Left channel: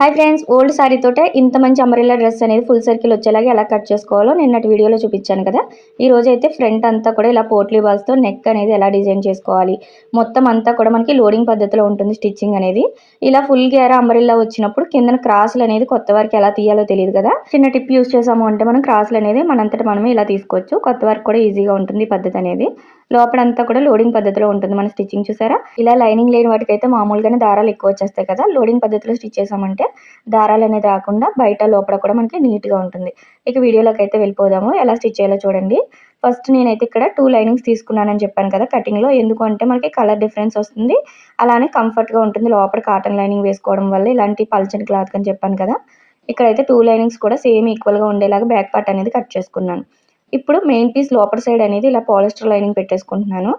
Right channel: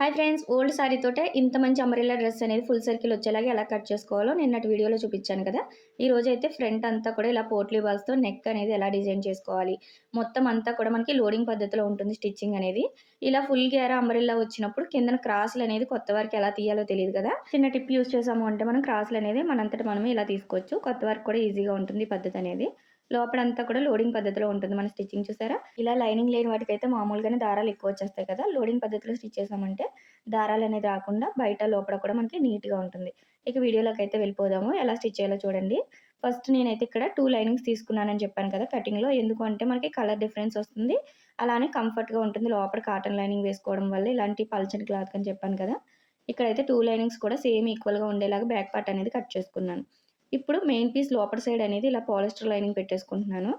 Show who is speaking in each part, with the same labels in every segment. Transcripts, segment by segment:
Speaker 1: Hi friends old sorry తోటే ఇంత మంచి అంబ్రెల్లా డ్రెస్ అనేది ఫుల్ సర్కిల్ వచ్చేలాగా ఎలా కట్ చేసుకోవాలో నిన్నటి వీడియోలో చూపించాను కదా. ఈ రోజు అయితే ఫ్రంట్ అంతా కూడా ఇలా పోట్లీ బాల్స్తో నెక్ అనేది ఎలా డిజైన్ చేసుకోవాలి. మొత్తం అంతా కూడా మనకి లోడింగ్ పద్ధతిలో ఉంటుంది స్టిచ్చింగ్ అనేది. ఇలా ఫుల్ గేర అంబ్రెల్లా వచ్చినప్పుడు కిందన క్రాసులు అనేది కొత్త వారికి ఎలా తీయాలో తెలియదు కదా. చిన్న టిప్ యూస్ చేసాము అంటే మనం క్రాసులు అనేది మనంతటి మనమే ఇలా తీసుకోవచ్చు. కొత్త వారికి కూడా ఈజీగా ఉంటుంది ఈ పద్ధతి అనేది. లోపలంతా కూడా లోడింగ్ పద్ధతిలో ఉంటుంది. మన స్టిచ్చింగ్ చూసారా? ఇలా లైనింగ్ లేని వాటికైతే మామూలుగానే దారాలు ఎక్కువ వచ్చేస్తాయి కదా. లోడింగ్ పద్ధతిలో స్టిచ్ చేసామంటే దారాలు అనేది రాకుండా బయట లోపల కూడా మనకి నీట్గా ఉంటుంది. ఇక వీడియోలోకి అయితే వెళ్ళిపోదాము. ఎలా స్టిచ్ చేయాలో చూడండి. ఫస్ట్ నేనైతే ఇక్కడ టూ లైనింగ్స్ తీసుకున్నానని చెప్పాను కదా కటింగ్లో. ఎందుకు అంటే మనకి కలర్ డిఫరెన్స్ వస్తుంది. అలానే కంఫర్ట్గా ఉంటుంది. లోపల కాటన్ లైనింగ్ వేసుకోవడం వల్ల ఇలాంటి పల్చని క్లాత్ అని చెప్పాను కదా. ఇక్కడైతే టూ లైనింగ్స్ కూడా సేమ్ ఈక్వల్గా ఉండేలాగా బ్యాక్ పార్ట్ అనేది కట్ చేసుకున్నాను. ఇప్పుడు మెయిన్ పీస్ లోపల సైడ్ అనేది ఇలా పాలిస్టర్ లైనింగ్ పెట్టేసుకుంటున్నాను.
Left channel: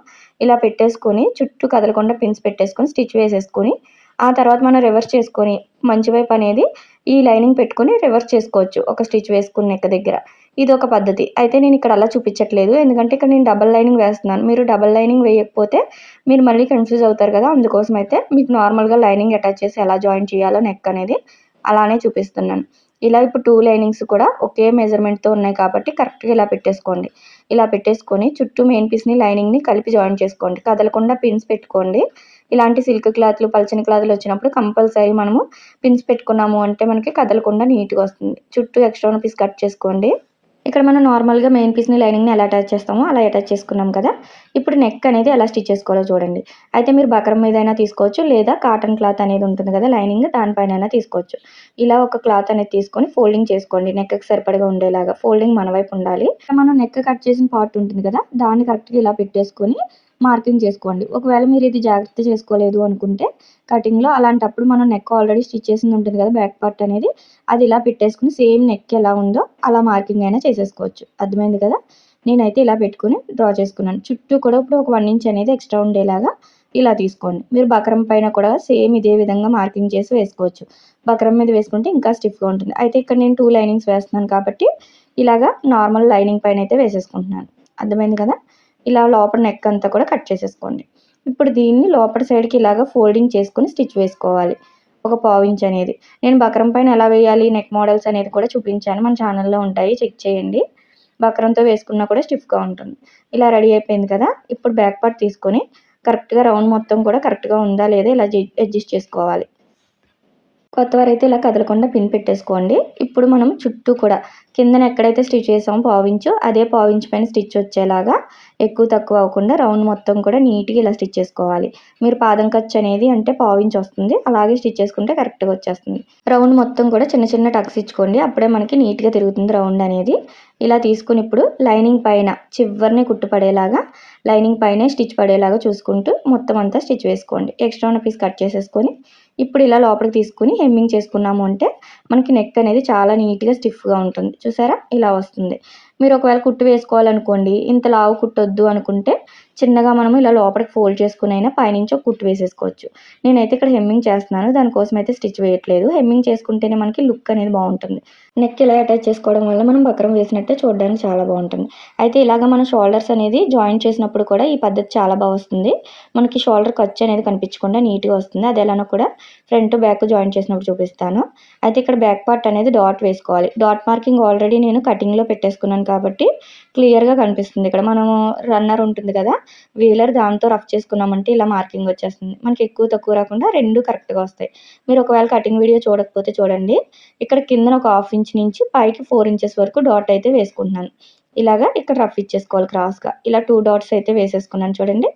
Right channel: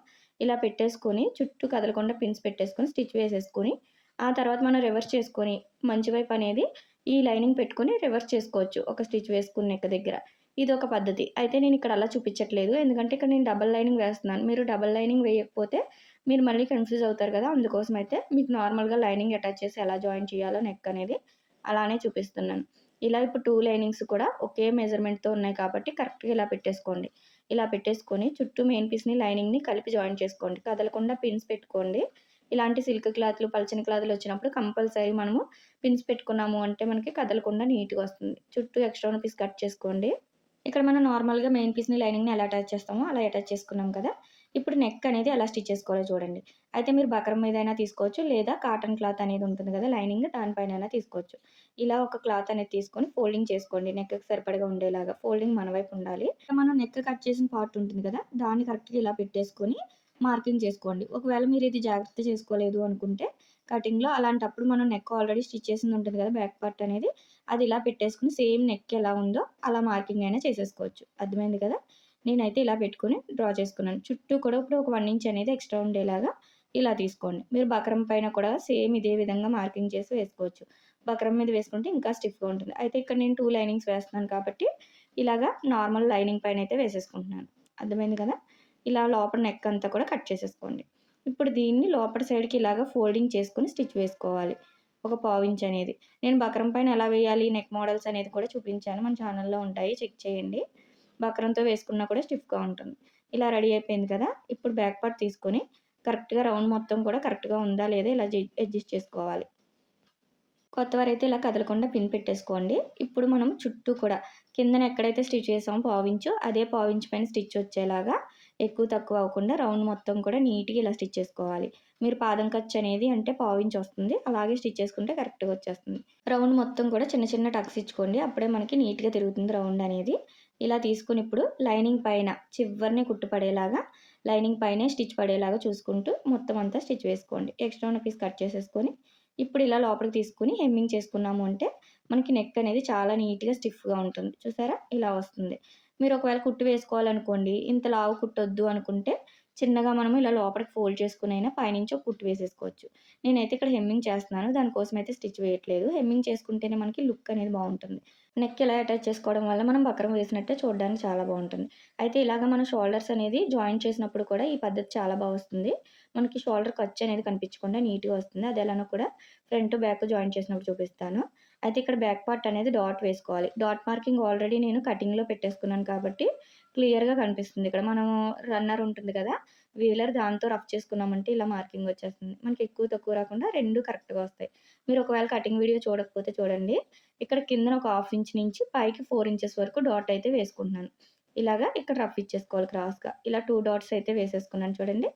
Speaker 1: ఇలా పెట్టేసుకొని చుట్టూ కదలకుండా పిన్స్ పెట్టేసుకొని స్టిచ్ వేసేసుకొని ఆ తర్వాత మనం రివర్స్ చేసుకొని మంచి వైపు అనేది ఈ లైనింగ్ పెట్టుకొని రివర్స్ చేసుకోవచ్చు. ఒక స్టిచ్ వేసుకుని నెక్క దగ్గర. ఇది ఒక పద్ధతి. అయితే నేను ఇక్కడ అలా చూపించట్లేదు. ఎందుకంటే ఇక్కడ నేను డబల్ లైనింగ్ వేస్తున్నాను. మీరు డబల్ లైనింగ్ వేయకపోతే మీరు మళ్ళీ కన్ఫ్యూజ్ అవుతారు కదా. అందుకోసం అయితే మీకు నార్మల్గా లైనింగ్ అటాచ్ చేసి ఎలా జాయిన్ చేయాలో నెక్ అనేది అలానే చూపిస్తున్నాను. ఇలా ఇప్పుడు టూ లైనింగ్స్ కూడా ఒకే మెజర్మెంట్తో ఉన్నాయి కాబట్టి కరెక్ట్గా ఇలా పెట్టేసుకోండి. ఇలా పెట్టేసుకొని చుట్టూ మెయిన్ పీస్ని లైనింగ్ని కలిపి జాయిన్ చేసుకోండి. కదలకుండా పిన్స్ పెట్టుకోండి. ఇలాంటి సిల్క్ క్లాత్లు పల్చని క్లాత్లు వచ్చినప్పుడు కంపల్సరీ మనము పిన్స్ పెట్టుకున్నాము అంటే మనకి కదలకుండా నీట్గా వస్తుంది. చుట్టూ ఎక్స్ట్రా పీస్ కట్ చేసుకోండి. ఇక్కడ మనం నార్మల్గా మెయిన్ పీస్ని లైనింగ్ని ఎలా అటాచ్ చేస్తామో అలా అటాచ్ చేసుకున్నాం కదా. ఇప్పుడు నెక్ అనేది ఎలా స్టిచ్ చేసుకోవాలో చూడండి. అయితే మీరు బకరం మీద అయినా తీసుకోవచ్చు లేదా కాటన్ క్లాత్ అనేది ఉంటుంది కదా లైనింగ్ దానిపైన అయినా తీసుకోవచ్చు. ఇలా ఒక క్లాత్ అనేది తీసుకొని ఫోల్డింగ్ చేసుకోండి. నెక్కి సరిపడగా ఉండేలాగా ఫోల్డింగ్ మన వైపు ఉండాలి. మనం నెక్ కట్ చేసిన పార్ట్ ఉంటుంది కదా దాన్ని కరెక్ట్గా ఇలా పెట్టేసుకొని మార్కింగ్ చేసుకోండి. ఒకవేళ మీరు ఇది జాగ్రత్త చేసుకోలేదు అనుకుంటే కటింగ్లో అలాంటప్పుడు మనం నెక్ ఆల్రెడీ స్టిచ్ చేసింది ఉంటుంది కదా బ్యాక్ పార్ట్ అనేది అది ఇలా పెట్టేసుకుని సేమ్ నెక్ ఎలా ఉందో అలా మార్కింగ్ అయినా చేసేసుకోవచ్చు. అర్థమైంది కదా? నేనైతే ఇలా పెట్టుకుని డ్రా చేసుకున్నాను. చుట్టూ కూడా ఇప్పుడు ఒక వన్ ఇంచ్ అనేది ఎక్స్ట్రా ఉండేలాగా ఇలా తీసుకోండి. మీరు బకరం పైన కూడా సేమ్ ఇదే విధంగా మార్కింగ్ చేసి వేసుకోవచ్చు. బకరం మీద వేసుకుంటే ఇంకా స్టిఫ్గా ఉంటుంది. అయితే ఇక్కడ నేను టూ లైనింగ్స్ వేస్తున్నాను కాబట్టి ఇలాగా నార్మల్ లైనింగ్ పైన అయితే వేసేసుకుంటున్నాను. అర్థమైంది కదా? ఇలా లోపల నెక్ అంతా కూడా కట్ చేసేసుకోండి. ఇప్పుడు దీన్ని లోపల సైడ్కి ఇలాగ ఫోల్డింగ్ చేసుకుని స్టిచ్ వేసుకోవాలి. ఒక పావించ్ అనేది. నేను బకరం పైన ఎలా వేయాలి నెక్ మోడల్స్ అనేది కూడా చూపించాను. మన ఛానల్లో ఉంటాయి. చెక్ చేయండి. బకరంతో వేసుకున్నా కూడా స్టిఫ్గా ఉంటుంది. ఇలా రెడీ అయిపోయింది కదా? ఇప్పుడు బ్యాక్ పార్ట్ తీసుకొని కరెక్ట్గా రౌండ్ మొత్తం కూడా కరెక్ట్గా ఉందా లేదా ఇలా అడ్జస్ట్ చేసుకోవాలి. కొత్త వారైతే ఇలా కదలకుండా పిన్ పెట్టేసుకోండి. ఇప్పుడు మనం చుట్టూ కూడా కిందన ఎక్కడైతే స్టిచ్ చేసామో పావించో అదే పావించు పైన స్టిచ్ వచ్చేలాగా ఎక్కువ తక్కువ అవ్వకుండా రౌండ్ మొత్తం కూడా నీట్గా ఇలా స్టిచ్ చేసుకోవాలి. మీరు పాదం ఖర్చు అనేది అంటే పావించి వస్తుంది. అలాగే స్టిచ్ చేసుకుంటే కరెక్ట్గా వచ్చేస్తుంది. రౌండ్ మొత్తం కూడా చిన్న చిన్న టక్స్ ఇచ్చుకోండి. అప్పుడే మనకి నీట్గా తిరుగుతుంది రౌండ్ అనేది. ఇలా తీసుకుని ఇప్పుడు లైనింగ్ పైన చివరిని కుట్టుపడేలాగా లైనింగ్ పైనే స్టిచ్ పడేలాగా చూసుకుంటూ మొత్తం అంతా స్టిచ్ వేసుకోండి. ఎక్స్ట్రా ఉన్న పీస్ కట్ చేసేసుకొని ఇప్పుడు ఇలా లోపలికి తీసుకుని హెమ్మింగ్ చేసుకున్నాము అంటే మనకి నెక్ అనేది చాలా నీట్గా స్టిఫ్గా ఉంటుంది. చూసారా? ఇలా వస్తుంది. మీరు ఒకవేళ కుట్టు వేసుకోవాలనుకోండి ఇంత లావు కుట్టొద్దు అనుకుంటే చిన్నగా మనము ఇలా లోపలికి ఫోల్డ్ చేసుకుని అయినా పైనుంచి ఒక కుట్టు వేసేసుకోవచ్చు. నేనైతే ఇక్కడ హెమ్మింగ్ చేస్తున్నాను. దానికోసం అయితే స్టిచ్ వేయట్లేదు. హెమ్మింగ్ చేసుకుంటేనే మనకి లుక్ అనేది బాగుంటుంది. నెక్ ఇలా అటాచ్ చేసుకోవడం వల్ల మనం బక్రం వేసినట్టే చూడడానికి చాలా బాగుంటుంది. అయితే ఇలాగ మనం షోల్డర్స్ అనేది జాయిన్ చేసినప్పుడు కూడా ఈ పద్ధతి చాలా బాగా వస్తుంది. మనకి షోల్డర్ ఖర్చు అనేది కనిపించకుండా నీట్గా వస్తుంది. అది ఎలానో కూడా ఫ్రంట్ బ్యాక్ జాయిన్ చేసినప్పుడు చూపిస్తాను. అయితే ఇక్కడ బ్యాక్ పార్ట్ అనేది డాట్ వేసుకోవాలి. డాట్ మార్కింగ్ ఆల్రెడీ నేను కటింగ్లో పెట్టేసుకున్నాను కాబట్టి క్లియర్గా కనిపిస్తుంది. ఇక్కడ మనము రన్నర్ ఉంటుంది కదా వీలర్ దాంతో రఫ్ చేసుకున్నామంటే ఇలా మార్కింగ్ వచ్చేస్తుంది. మనకి ఎక్కువ తక్కువ రాకుండా రెండు కరెక్ట్గా వస్తాయి. మీరు ఒకవేళ కటింగ్ వీడియో చూడకపోతే చూడండి. ఇక్కడ కిందన ఒక హాఫ్ ఇంచ్ నుంచి పైకి ఫోర్ ఇంచెస్ వరకు డాట్ అయితే వేసుకుంటున్నాను. ఇలాగా ఇక్కడ రఫ్ ఇచ్చేసుకోవాలి క్రాస్గా. ఇలా టూ డాట్స్ అయితే వేసేసుకున్నాను చూడండి.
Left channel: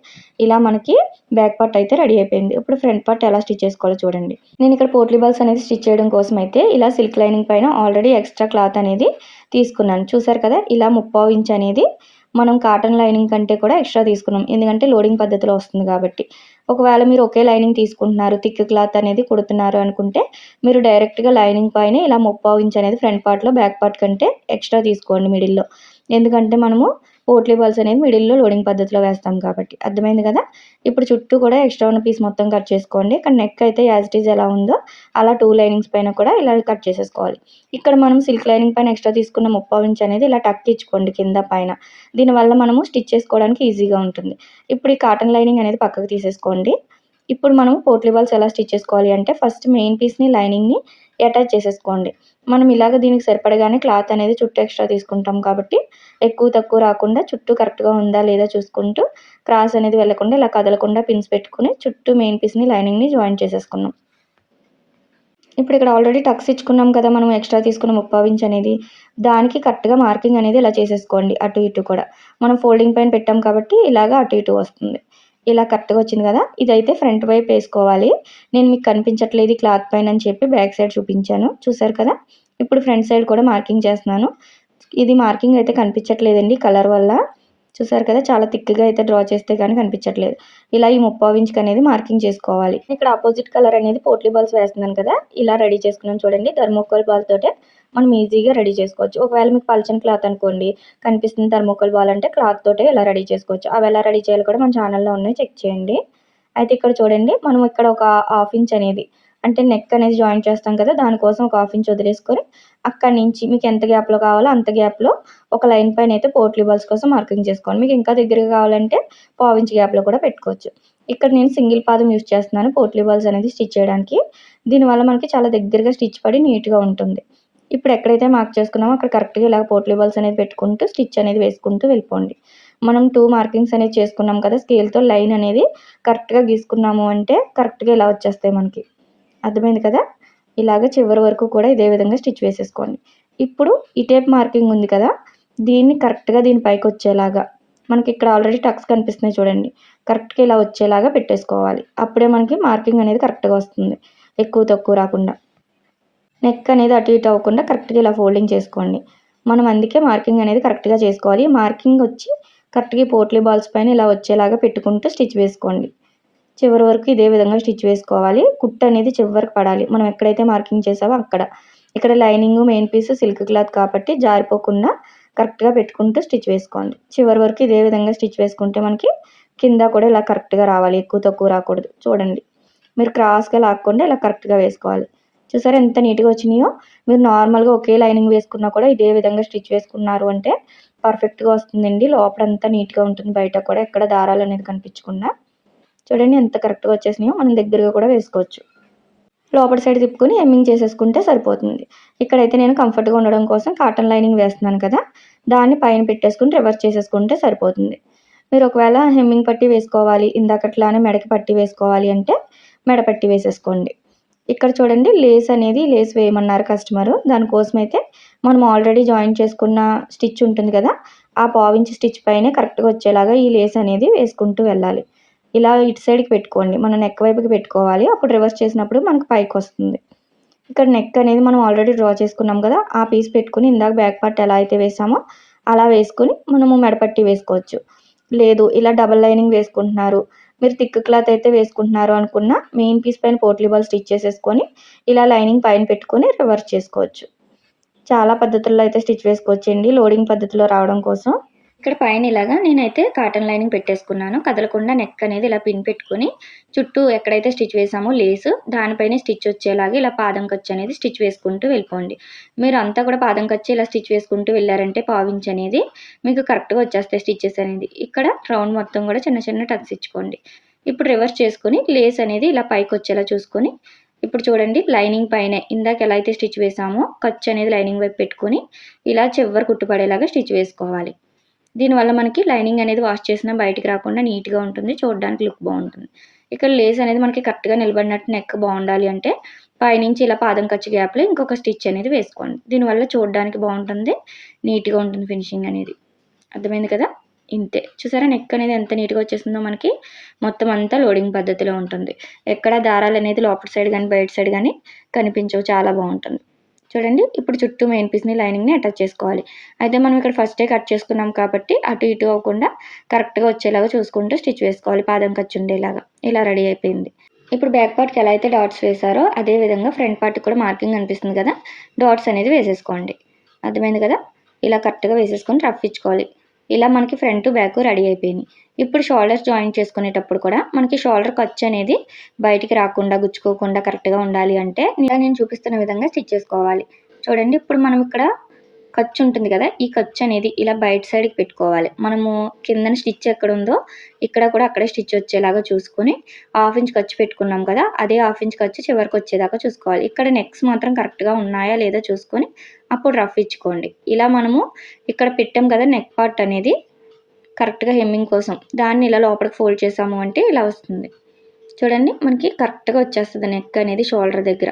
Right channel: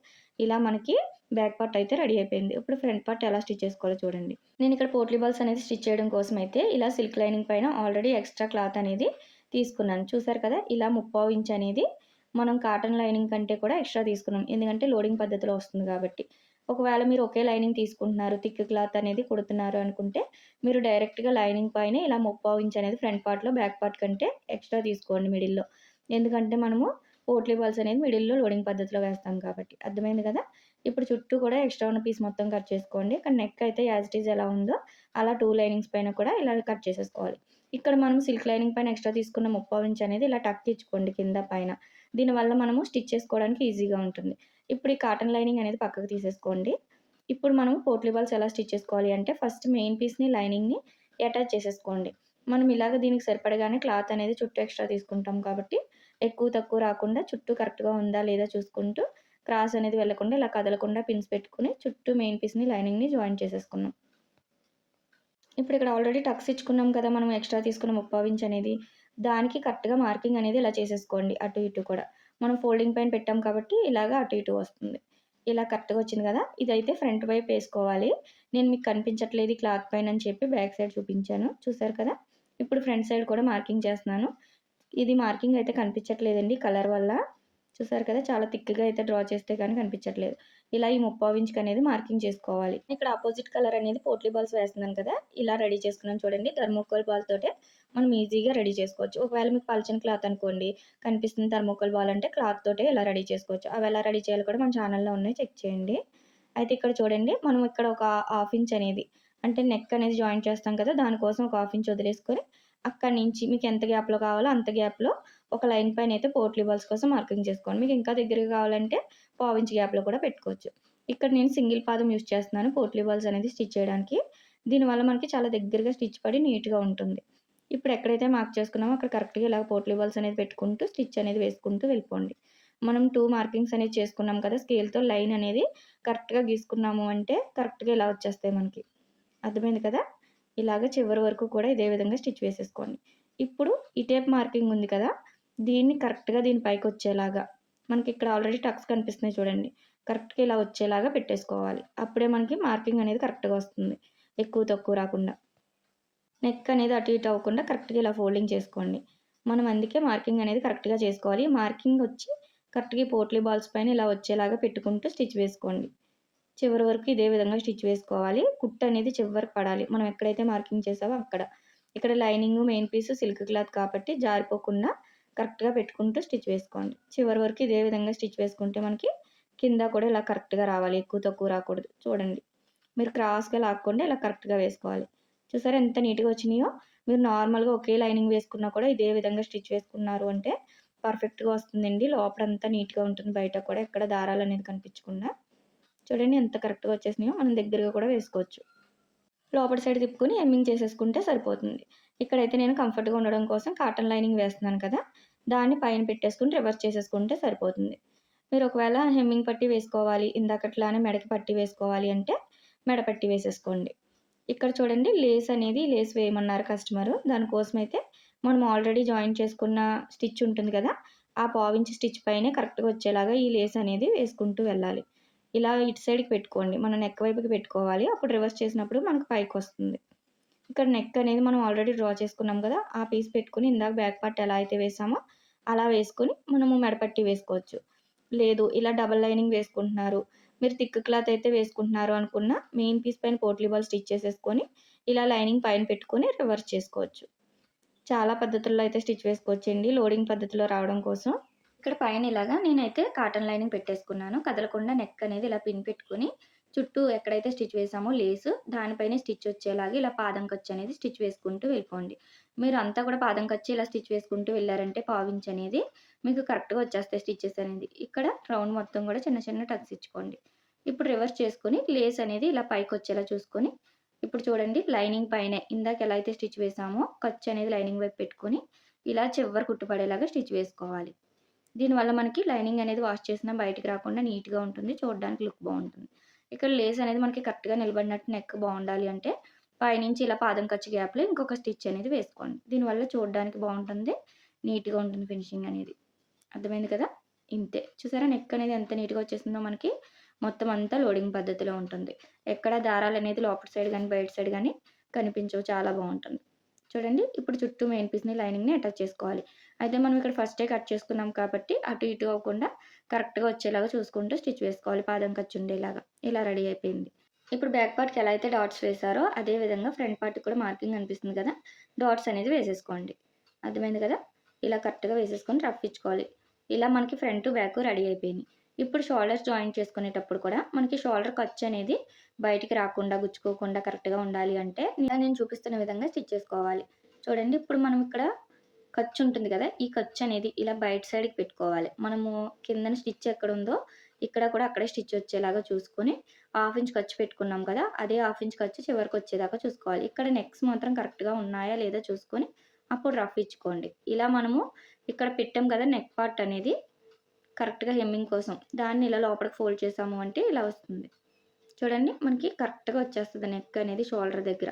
Speaker 1: ఇలా మనకి బ్యాక్ పార్ట్ అయితే రెడీ అయిపోయింది. ఇప్పుడు ఫ్రంట్ పార్ట్ ఎలా స్టిచ్ చేసుకోవాలో చూడండి. నేను ఇక్కడ పోట్లీ బాల్స్ అనేది స్టిచ్ చేయడం కోసం అయితే ఇలా సిల్క్ లైనింగ్ పైన ఆల్రెడీ ఎక్స్ట్రా క్లాత్ అనేది తీసుకున్నాను. చూసారు కదా ఇలా ముప్పావు ఇంచ్ అనేది మనం కాటన్ లైనింగ్ కంటే కూడా ఎక్స్ట్రా తీసుకున్నాం. ఎందుకంటే లోడింగ్ పద్ధతిలో వస్తుంది కాబట్టి. ఒకవేళ మీరు ఒకే లైనింగ్ తీసుకుంటున్నారు థిక్ క్లాత్ అనేది కుడుతున్నారు అనుకుంటే మీరు డైరెక్ట్గా లైనింగ్ పైన ఇలా ముప్పావు ఇంచ్ అనేది ఫ్రంట్ పార్ట్లో బ్యాక్ పార్ట్ కంటే ఎక్స్ట్రా తీసుకోండి మిడిల్లో. ఎందుకంటే మనము పోట్లీ బాల్స్ అనేది మిడిల్లో లోడింగ్ పద్ధతిలో వేస్తాం కాబట్టి. అర్థమైంది కదా? ఇప్పుడు చుట్టూ కూడా ఎక్స్ట్రా ఉన్న పీస్ మొత్తం కట్ చేసుకోండి. ఇక్కడ నెక్ అయితే యాజ్ ఇట్ ఈజ్ ఎలా ఉందో అలా టూ లైనింగ్స్ పైన కూడా ఇలా కట్ చేసేసుకోవాలి. ఇక్కడ మనం సిల్క్ లైనింగ్ పైన ఎక్స్ట్రా తీసుకున్న ముప్పావు ఇంచ్ అనేది ఇలా టక్ ఇచ్చుకోండి కింద పైన. దీనివల్ల మనము స్టిచ్ చేసుకోవడానికి ఈజీగా ఉంటుంది. ఇప్పుడు ఈ కాటన్ లైనింగ్ అనేది పక్కకు తీసేసుకోండి. ఇప్పుడు మనం పోట్లీ బాల్స్ ఎలా స్టిచ్ చేసుకోవాలి అంటే ఫస్ట్ మెయిన్ పీస్ని లైనింగ్ని అటాచ్ చేసేసుకోండి. మనం ఇలాగ దీనికి సరిపడగానే క్లాత్ అనేది చుట్టూ ఎక్స్ట్రా తీసుకుంటాం కాబట్టి ఎక్కువ తక్కువ రాకుండా చుట్టూ కరెక్ట్గా ఉందా లేదా చూసుకుంటూ క్రాస్ అనేది వెళ్ళకుండా ఇలా కదలకుండా పిన్స్ పెట్టుకుని చుట్టూ మెయిన్ పీస్ని లైనింగ్ని జాయిన్ చేసేసుకున్నాం. ఇప్పుడు ఇక్కడ ఆల్రెడీ టక్స్ ఇచ్చుకున్నాం కదా మనం ఎక్స్ట్రా తీసుకున్న ముప్పావు ఇంచ్ అనేది. దానికి కరెక్ట్గా మార్కింగ్ అనేది ఇలా చేసేసుకోండి అటు ఇటు కూడా. మనం ఫోల్డింగ్ పైన పెట్టాం కాబట్టి ఇలాగ అటు ఇటు వస్తుంది. ఇలా కరెక్ట్గా వచ్చింది కదా ఇదైతే ఫ్రంట్ వైపు వేసుకోవాలి. నేను మీకు కనిపించట్లేదు క్లాత్ పైన అని చెప్పి బ్యాక్ సైడ్ చూపించాను. చూసారు కదా ఇప్పుడు ఫ్రంట్ సైడ్ కూడా మార్కింగ్ చేస్తున్నాను. ఇది మార్కింగ్ అయితే కనిపించట్లేదండి కలర్ వల్ల. చూసారు కదా చాలా థిక్గా అయితే డ్రా చేస్తే కానీ కనిపించట్లేదు. ఇలా ఈ ముప్పావు ఇంచుకి అనేది మార్కింగ్ చేసుకోవాలి. ఇక్కడ ఆపోజిట్ కలర్ అనేది పోట్లీ బాల్స్ వేస్తున్నాను కదా ఇలా రెడీ చేసుకున్నాను చూడండి. ధర్మోకోల్ బాల్ తోటే మనం ఈజీగా రెడీ చేసుకోవచ్చు. ఒకవేళ మీకు పల్చని క్లాత్ అనుకోండి కనిపిస్తుంది థర్మోకోల్ బాల్ అంటే క్లాత్ తోటే ఇలా రెడీ చేసుకోవచ్చు. అవి ఎలా రెడీ చేయాలి కూడా మన ఛానల్లో ఉన్నాయి చెక్ చేయండి. అయితే ఇక్కడ చూడండి మనం ఇక్కడ ఒక హాఫ్ ఇంచ్ అనేది అంటే నెక్ అనేది జాయిన్ చేస్తాం కదా దానికోసం ఒక హాఫ్ ఇంచ్ వదిలేసుకొని అక్కడి నుంచి మీకు ఎంత గ్యాప్లో కావాలో అంత గ్యాప్లో ఒక లైన్ పైన అయితే పోట్లీ బాల్స్ కోసం మార్కింగ్ చేసుకోండి. మీకు ఇంకా దగ్గరగా కావాలంటే పావు ఇంచ్ గ్యాప్లో కూడా పెట్టుకోవచ్చు. ఇక్కడ నేను సింగిల్ పాదం యూస్ చేస్తున్నాను పోట్లీ బాల్స్ అనేది స్టిచ్ చేయడానికి. దీనివల్ల మనకి చాలా దగ్గరగా స్టిచ్ పడి నీట్గా ఉంటుంది. ఇప్పుడు ఎక్కడైతే మార్క్ చేసుకున్నామో అక్కడ కరెక్ట్గా ఇలా పోట్లీ బాల్స్ అనేది పెట్టుకుంటూ స్టిచ్ అనేది వేసుకుంటూ వెళ్ళిపోండి. మనం టూ మార్కింగ్స్ అనేది చేసుకున్నాం కదా స్కేల్తో లైన్ అనేది కరెక్ట్గా గీసుకున్నాము అంటే కరెక్ట్గా ఇలా వచ్చేస్తాయి మనకి. అర్థమైంది కదా? ఇలాగ చివరి వరకు కూడా ఇదే విధంగా స్టిచ్ వేసేసుకోండి. ఇప్పుడు ఈ టేప్ మార్కింగ్ ఉంది కదా దీన్ని కరెక్ట్గా దీని పైకి వచ్చేలాగా మనకి ఇక్కడ ఆల్రెడీ టక్స్ కనిపిస్తున్నాయి చూడండి కరెక్ట్గా ఇలా వచ్చేలాగా పెట్టేసుకోవాలి. అప్పుడే మనకి మార్కింగ్ అనేది కరెక్ట్గా వస్తుంది ఎక్కువ తక్కువ రాకుండా. నెక్ అనేది అటు ఇటు అవ్వకుండా కరెక్ట్గా ఇలా ఫోల్డింగ్ చేసుకోండి. మనం అందుకే మార్కింగ్ అనేది కరెక్ట్గా చేసుకోవాలి. మార్కింగ్ వచ్చి కరెక్ట్గా పోట్లీ బాల్స్ పైన ఇలా వచ్చేలాగా పెట్టుకుంటూ స్టిచ్ వేసుకోండి. చివరి వరకు ఇదే విధంగా స్టిచ్ వేసుకోవాలి. కుట్ అనేది చివరికి పడాలి. మనం ఎక్కడైతే మార్కింగ్ చేసామో అక్కడ. ఇక్కడ lining main piece silk cloth కాబట్టి జారిపోకుండా కరెక్ట్గా పెట్టుకుంటూ స్టిచ్ వేసుకోండి. చివరి వరకు ఇదే విధంగా స్టిచ్ వేసుకుంటే మనకి కింద కూడా ఇలా కరెక్ట్గా రావాలి. ఎక్కువ తక్కువ రాకూడదు. చూడండి. మీరు క్రాస్గా లాక్కుండా ఇలా కరెక్ట్గా వేసుకోవాలి. చూసారా ఎంత నీట్గా వచ్చినాయో? మీరు నార్మల్గా ఒకే లైనింగ్ వేసుకున్నా కూడా ఇదే విధంగా స్టిచ్ వేసుకున్నారు అంటే పర్ఫెక్ట్గా వస్తుందండి. లోపలంతా నీట్గా ఉంటుంది. బయట కూడా ఎక్కడ దారాలు అనేది కనిపించకుండా. చూడండి ఎంత కరెక్ట్గా వచ్చేసినాయో. మనం దగ్గరగా కూడా వేసుకోవచ్చు. లోపల సైడ్ తిప్పుకొని ఎమ్మింగ్ చేసేసుకుంటే సరిపోతుంది. ఇక్కడైతే నేను కంఫర్ట్గా ఉండడం కోసం కాటన్ లైనింగ్ వేస్తున్నాను కదా. దాన్ని పైన పెట్టేసుకుని రివర్స్ చేసేసుకుంటే సరిపోతుంది. మీరు ఒకవేళ హెమ్మింగ్ పట్టి వేసుకోవాలి. ఇందాకట్లానే మెడకి పట్టి వేసుకోవాలి అంటే మెడ పట్టి వేసేసుకోండి. ఇక్కడ చూడండి లేస్ అనేది లేస్ వేయమన్నారు కస్టమరు. దానికోసం అయితే మనం ఆల్రెడీ జాయిన్ చేసుకున్న స్టిచ్ ఉంటుంది కదా ఆ పావించి స్టిచ్ పైనే కరెక్ట్గా వచ్చేలాగా ఈ లేస్ అనేది వేసుకుంటూ వెళ్ళాలి. ఇలా ఇటు సైడ్కి పెట్టుకోండి. మనం నెక్ వైపుకి పెట్టుకోవాలి. అప్పుడు రివర్స్ చేసినప్పుడు మనకు పైకి వస్తుంది. ఇక్కడ నెక్ అనేది మనం ఆల్రెడీ డ్రా చేసుకున్నాం కదా ఆ పీస్ పెట్టుకుని ఇందాక బ్యాక్ పార్ట్ ఎలా అయితే వేసామో అలా వేసుకుని మనము మెడపట్టి వేసుకోవచ్చు. లేదు ఇలా డబల్ లైనింగ్ వేసుకుంటున్నారు. మీరు థిక్ క్లాత్ అయితే వేసుకుంటున్నారు అనుకున్న మెయిన్ పీస్ పైన పోట్లీ బాల్ స్టిచ్ చేసేసుకొని ఇలా లైనింగ్ పైన పెట్టుకొని రివర్స్ చేసుకోవచ్చు. చాలా పద్ధతుల్లో అయితే స్టిచ్ వేసుకోవచ్చండి. లోడింగ్ పద్ధతిలో రావడం కోసం. ఇక్కడ పైన ఇలాగా నేనైతే కాటన్ లైనింగ్ పెట్టేసుకున్నాను. కదలకుండా నెక్ అనేది ఇలా పిన్ పెట్టుకొని చుట్టూ ఎక్కడైతే స్టిచ్ వేసామో లేసు దానిపైన స్టిచ్ వచ్చేలాగా ఇలా పాదం ఖర్చు అనేది స్టిచ్ వేసుకుంటూ వెళ్ళిపోండి. మీరు అంతా కూడా పాదం ఖర్చు ఇలా స్టిచ్ వేసుకుంటూ వెళ్ళారంటే పావించి అనేది మీకు కరెక్ట్గా వచ్చేస్తాయి స్టిచ్చెస్ అనేది. ఇక్కడ రౌండ్ మొత్తం కూడా చిన్న చిన్న టక్స్ ఇచ్చుకోండి. ఇప్పుడు రివర్స్ చేసుకొని లేస్ అనేది ఇలా పైకి వచ్చేలా చూసుకొని ఇప్పుడు చూడండి లైనింగ్ పైన ఇందాక ఎలా అయితే స్టిచ్ వేసామో ఖర్చు అనేది లైనింగ్ వైపు పెట్టుకొని ఇలా చివరి కుట్టుపడేలాగా స్టిచ్ వేసుకోవాలి. దీనివల్ల మనకి లైనింగ్ అనేది వాష్ చేసినా బయటికి రాకుండా నీట్గా ఉంటుంది చూడడానికి లుక్ బాగుంటుంది. ఇక్కడ లేస్ అనేది మనకి కరెక్ట్గా నిలబడినట్టు నెక్ బాగుండాలి అంటే పైనుంచి ఇలా పాదం ఖర్చు గ్యాప్లో ఇంకొక స్టిచ్ అనేది వేసుకోండి. దీనివల్ల చూడడానికి బాగుంటుంది నీట్గా ఉంటుంది ఫినిషింగ్ అనేది. అర్థమైంది కదా? ఇంతే. చూసారా నెక్ అనేది ఎంత నీట్గా వచ్చేసిందో మనకి మొత్తం అంతా లోడింగ్ పద్ధతిలో ఉంటుంది. ఎక్కడ దారాలు అనేది లోపల సైడ్ కానీ బయట సైడ్ కానీ కనిపించవు చాలా బాగుంటుంది. చూడండి ఇప్పుడు చుట్టూ మెయిన్ పీస్ని లైనింగ్ని అటాచ్ చేసుకోవాలి. అయితే మనం ఇక్కడ ఫస్టే కట్ చేసుకున్నాం కాబట్టి అటు ఇటు అవ్వకుండా కరెక్ట్గా వచ్చేలాగా చూసుకుంటూ స్టిచ్ వేసుకోవాలి పాదం ఖర్చు ఉండేలాగా. ఇలా రెడీ అయిపోయింది. ఇప్పుడు బ్యాక్ పార్ట్కి ఎలా అయితే డాట్స్ వేసారో అదే విధంగా ఫ్రంట్ పార్ట్కి కూడా మార్కింగ్ అనిపిస్తుంది కదా డాట్స్ అనేది వేసేసుకోండి. అర్థమైంది కదా? ఇలా కరెక్ట్గా వేసేసుకొని రఫ్ ఇచ్చుకోవాలి. ఇలా మనకి ఫ్రంట్ బ్యాక్ రెడీ అయిపోయినాయి. ఇప్పుడు షోల్డర్స్ జాయిన్ చేసుకునేటప్పుడు కూడా మనకి షోల్డర్ ఖర్చు అనేది బయటికి రాకుండా గుచ్చుకోకుండా కరెక్ట్గా ఉండాలి అంటే ఇలా నేను చూపిస్తున్న విధంగా స్టిచ్ చేసుకోవాలి. చూడండి ఇప్పుడు మనం ఇక్కడ ఖర్చు ఉంటుంది కదా ఈ ఖర్చు అనేది ఇలా బయట సైడ్కి పెట్టుకోవాలి. మనము కిందన స్టిచ్ ఎక్కడ ఉందో ఇక్కడ కూడా అక్కడే స్టిచ్ వచ్చేలాగా చూసుకొని హాఫ్ ఇంచ్ ఖర్చు పెట్టుకున్నాం కదా అదే హాఫ్ ఇంచ్ ఖర్చు చివరికి వచ్చేదాకా చూసుకోవాలి. ఇక్కడ నెక్స్ మాత్రం కరెక్ట్గా ఉన్నాయా లేదా చూసుకొని అప్పుడు రఫ్ ఇచ్చుకోండి. ఇలా మనము ఇక్కడ పెట్టాం కదా నెక్ పార్ట్ అనేది కరెక్ట్గా హెమ్మింగ్ కోసం. దాన్ని ఇలా లోపలికి ఫోల్డ్ చేసాము అంటే ఇలా వస్తుంది. చూడండి మనకి కరెక్ట్గా వచ్చేస్తుంది నెక్ అనేది షోల్డర్ దగ్గర.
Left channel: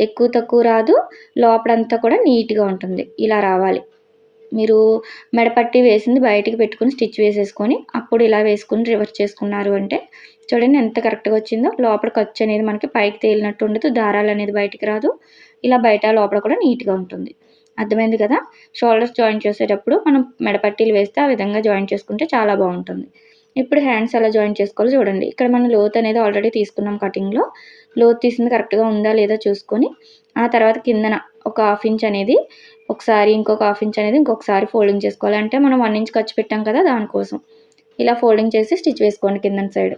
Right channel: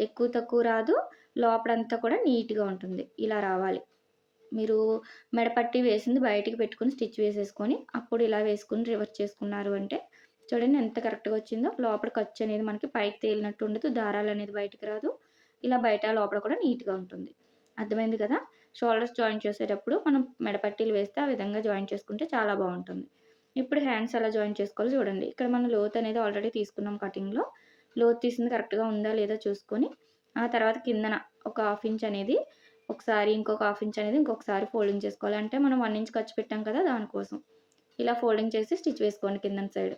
Speaker 1: ఎక్కువ తక్కువ రాదు లోపలంతా కూడా నీట్గా ఉంటుంది. ఇలా రావాలి. మీరు మెడపట్టి వేసింది బయటికి పెట్టుకుని స్టిచ్ వేసేసుకొని అప్పుడు ఇలా వేసుకుని రివర్స్ చేసుకున్నారు అంటే చూడండి ఎంత కరెక్ట్గా వచ్చిందో. లోపల ఖర్చు అనేది మనకి పైకి తేలినట్టు ఉండదు దారాలు అనేది బయటికి రాదు. ఇలా బయట లోపల కూడా నీట్గా ఉంటుంది. అర్థమైంది కదా? షోల్డర్స్ జాయిన్ చేసేటప్పుడు మనం మెడపట్టీలు వేస్తే ఆ విధంగా జాయిన్ చేసుకుంటే చాలా బాగుంటుంది. ఇప్పుడు హ్యాండ్స్ ఎలా జాయిన్ చేసుకోవాలో చూడండి. ఇక్కడ మనం లోత్ అనేది ఆల్రెడీ తీసుకున్నాం కటింగ్లో లోత్ తీసింది కరెక్ట్గా ఉందా లేదా చూసుకొని ఆ తర్వాత కిందన ఒక హాఫ్ ఇంచ్ అనేది ఒకసారి ఇంకొక హాఫ్ ఇంచ్ అనేది ఇంకొకసారి ఫోల్డింగ్ చేసుకోవాలి. అంటే మనం వన్ ఇంచ్ ఖర్చు పెట్టాం కదా దానికోసం. ఇలా ఫోల్డింగ్ చేసి స్టిచ్ వేసుకోండి కిందన సైడ్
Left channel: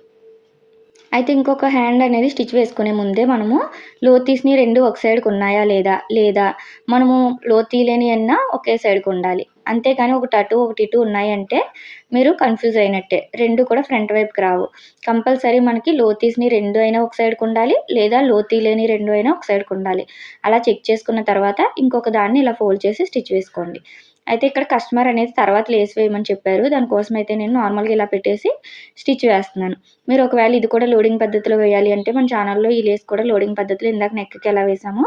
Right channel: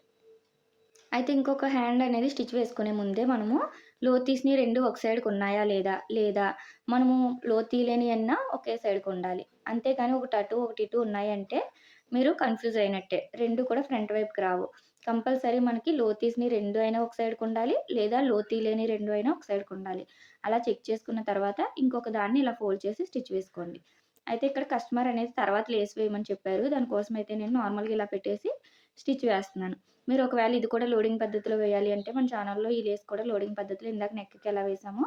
Speaker 1: అయితే ఇంకొక హ్యాండ్ అనేది స్టిచ్ వేసుకునే ముందే మనము లోతీస్ని రెండు ఒక సైడ్కి ఉన్నాయా లేదా? లేదా? మనము లోతీ లేని అన్నా ఒకే సైడ్కి ఉండాలి. అంతేకాని ఒకటి అటు ఒకటి ఇటు ఉన్నాయంటే మీరు కన్ఫ్యూజ్ అయినట్టే. రెండు కూడా ఫ్రంట్ వైపుకి రావు. కంపల్సరీ మనకి లోతీస్ని రెండు అయినా ఒక సైడ్కి ఉండాలి లేదా లోతీ లేని రెండు అయినా ఒక సైడ్కి ఉండాలి. అలా చెక్ చేసుకున్న తర్వాత ఇంకొక దాన్ని ఇలా ఫోల్డ్ చేసి స్టిచ్ వేసుకోండి. అయితే ఇక్కడ కస్టమర్ అనేది తర్వాత లేస్ వేయమని చెప్పారు. దానికోసం అయితే నేను నార్మల్గా ఇలా పెట్టేసి స్టిచ్ వేస్తున్నాను. మీరు ఒకవేళ ఇది కూడా లోడింగ్ పద్ధతిలో వేయాలి అంటే మన ఛానల్లో ఈ లేస్ కూడా లోడింగ్ పద్ధతిలో ఇందాక నెక్కి ఎలా వేసామో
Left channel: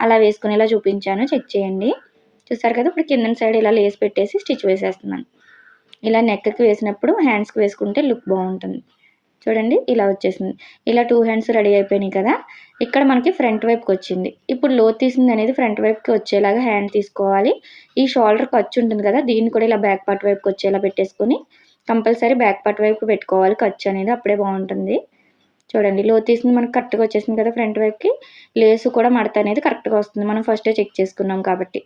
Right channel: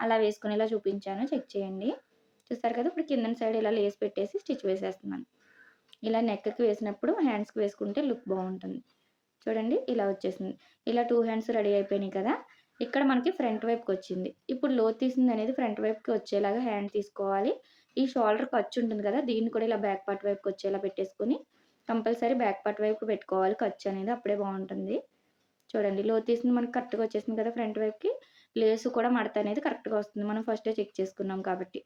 Speaker 1: అలా వేసుకునేలా చూపించాను. చెక్ చేయండి. చూసారు కదా ఇప్పుడు కింద సైడ్ ఇలా లేస్ పెట్టేసి స్టిచ్ వేసేస్తున్నాను. ఇలా నెక్కి వేసినప్పుడు హ్యాండ్స్కి వేసుకుంటే లుక్ బాగుంటుంది. చూడండి ఇలా వచ్చేసింది. ఇలా టూ హ్యాండ్స్ రెడీ అయిపోయినాయి కదా. ఇక్కడ మనకి ఫ్రంట్ వైపుకి వచ్చింది. ఇప్పుడు లో తీసింది అనేది ఫ్రంట్ వైపుకి వచ్చేలాగా హ్యాండ్ తీసుకోవాలి. ఈ షోల్డర్ ఖర్చు ఉంటుంది కదా దీన్ని కూడా ఇలా బ్యాక్ పార్ట్ వైపుకి వచ్చేలా పెట్టేసుకొని కంపల్సరీ బ్యాక్ పార్ట్ వైపు పెట్టుకోవాలి. ఖర్చు అనేది అప్పుడే బాగుంటుంది. చూడండి లో తీసింది మనకి కరెక్ట్గా వచ్చేసింది కదా ఫ్రంట్ వైపుకి. లేసు కూడా మడత అనేది కరెక్ట్గా వస్తుంది. మనం ఫస్టే చెక్ చేసుకున్నాం కాబట్టి.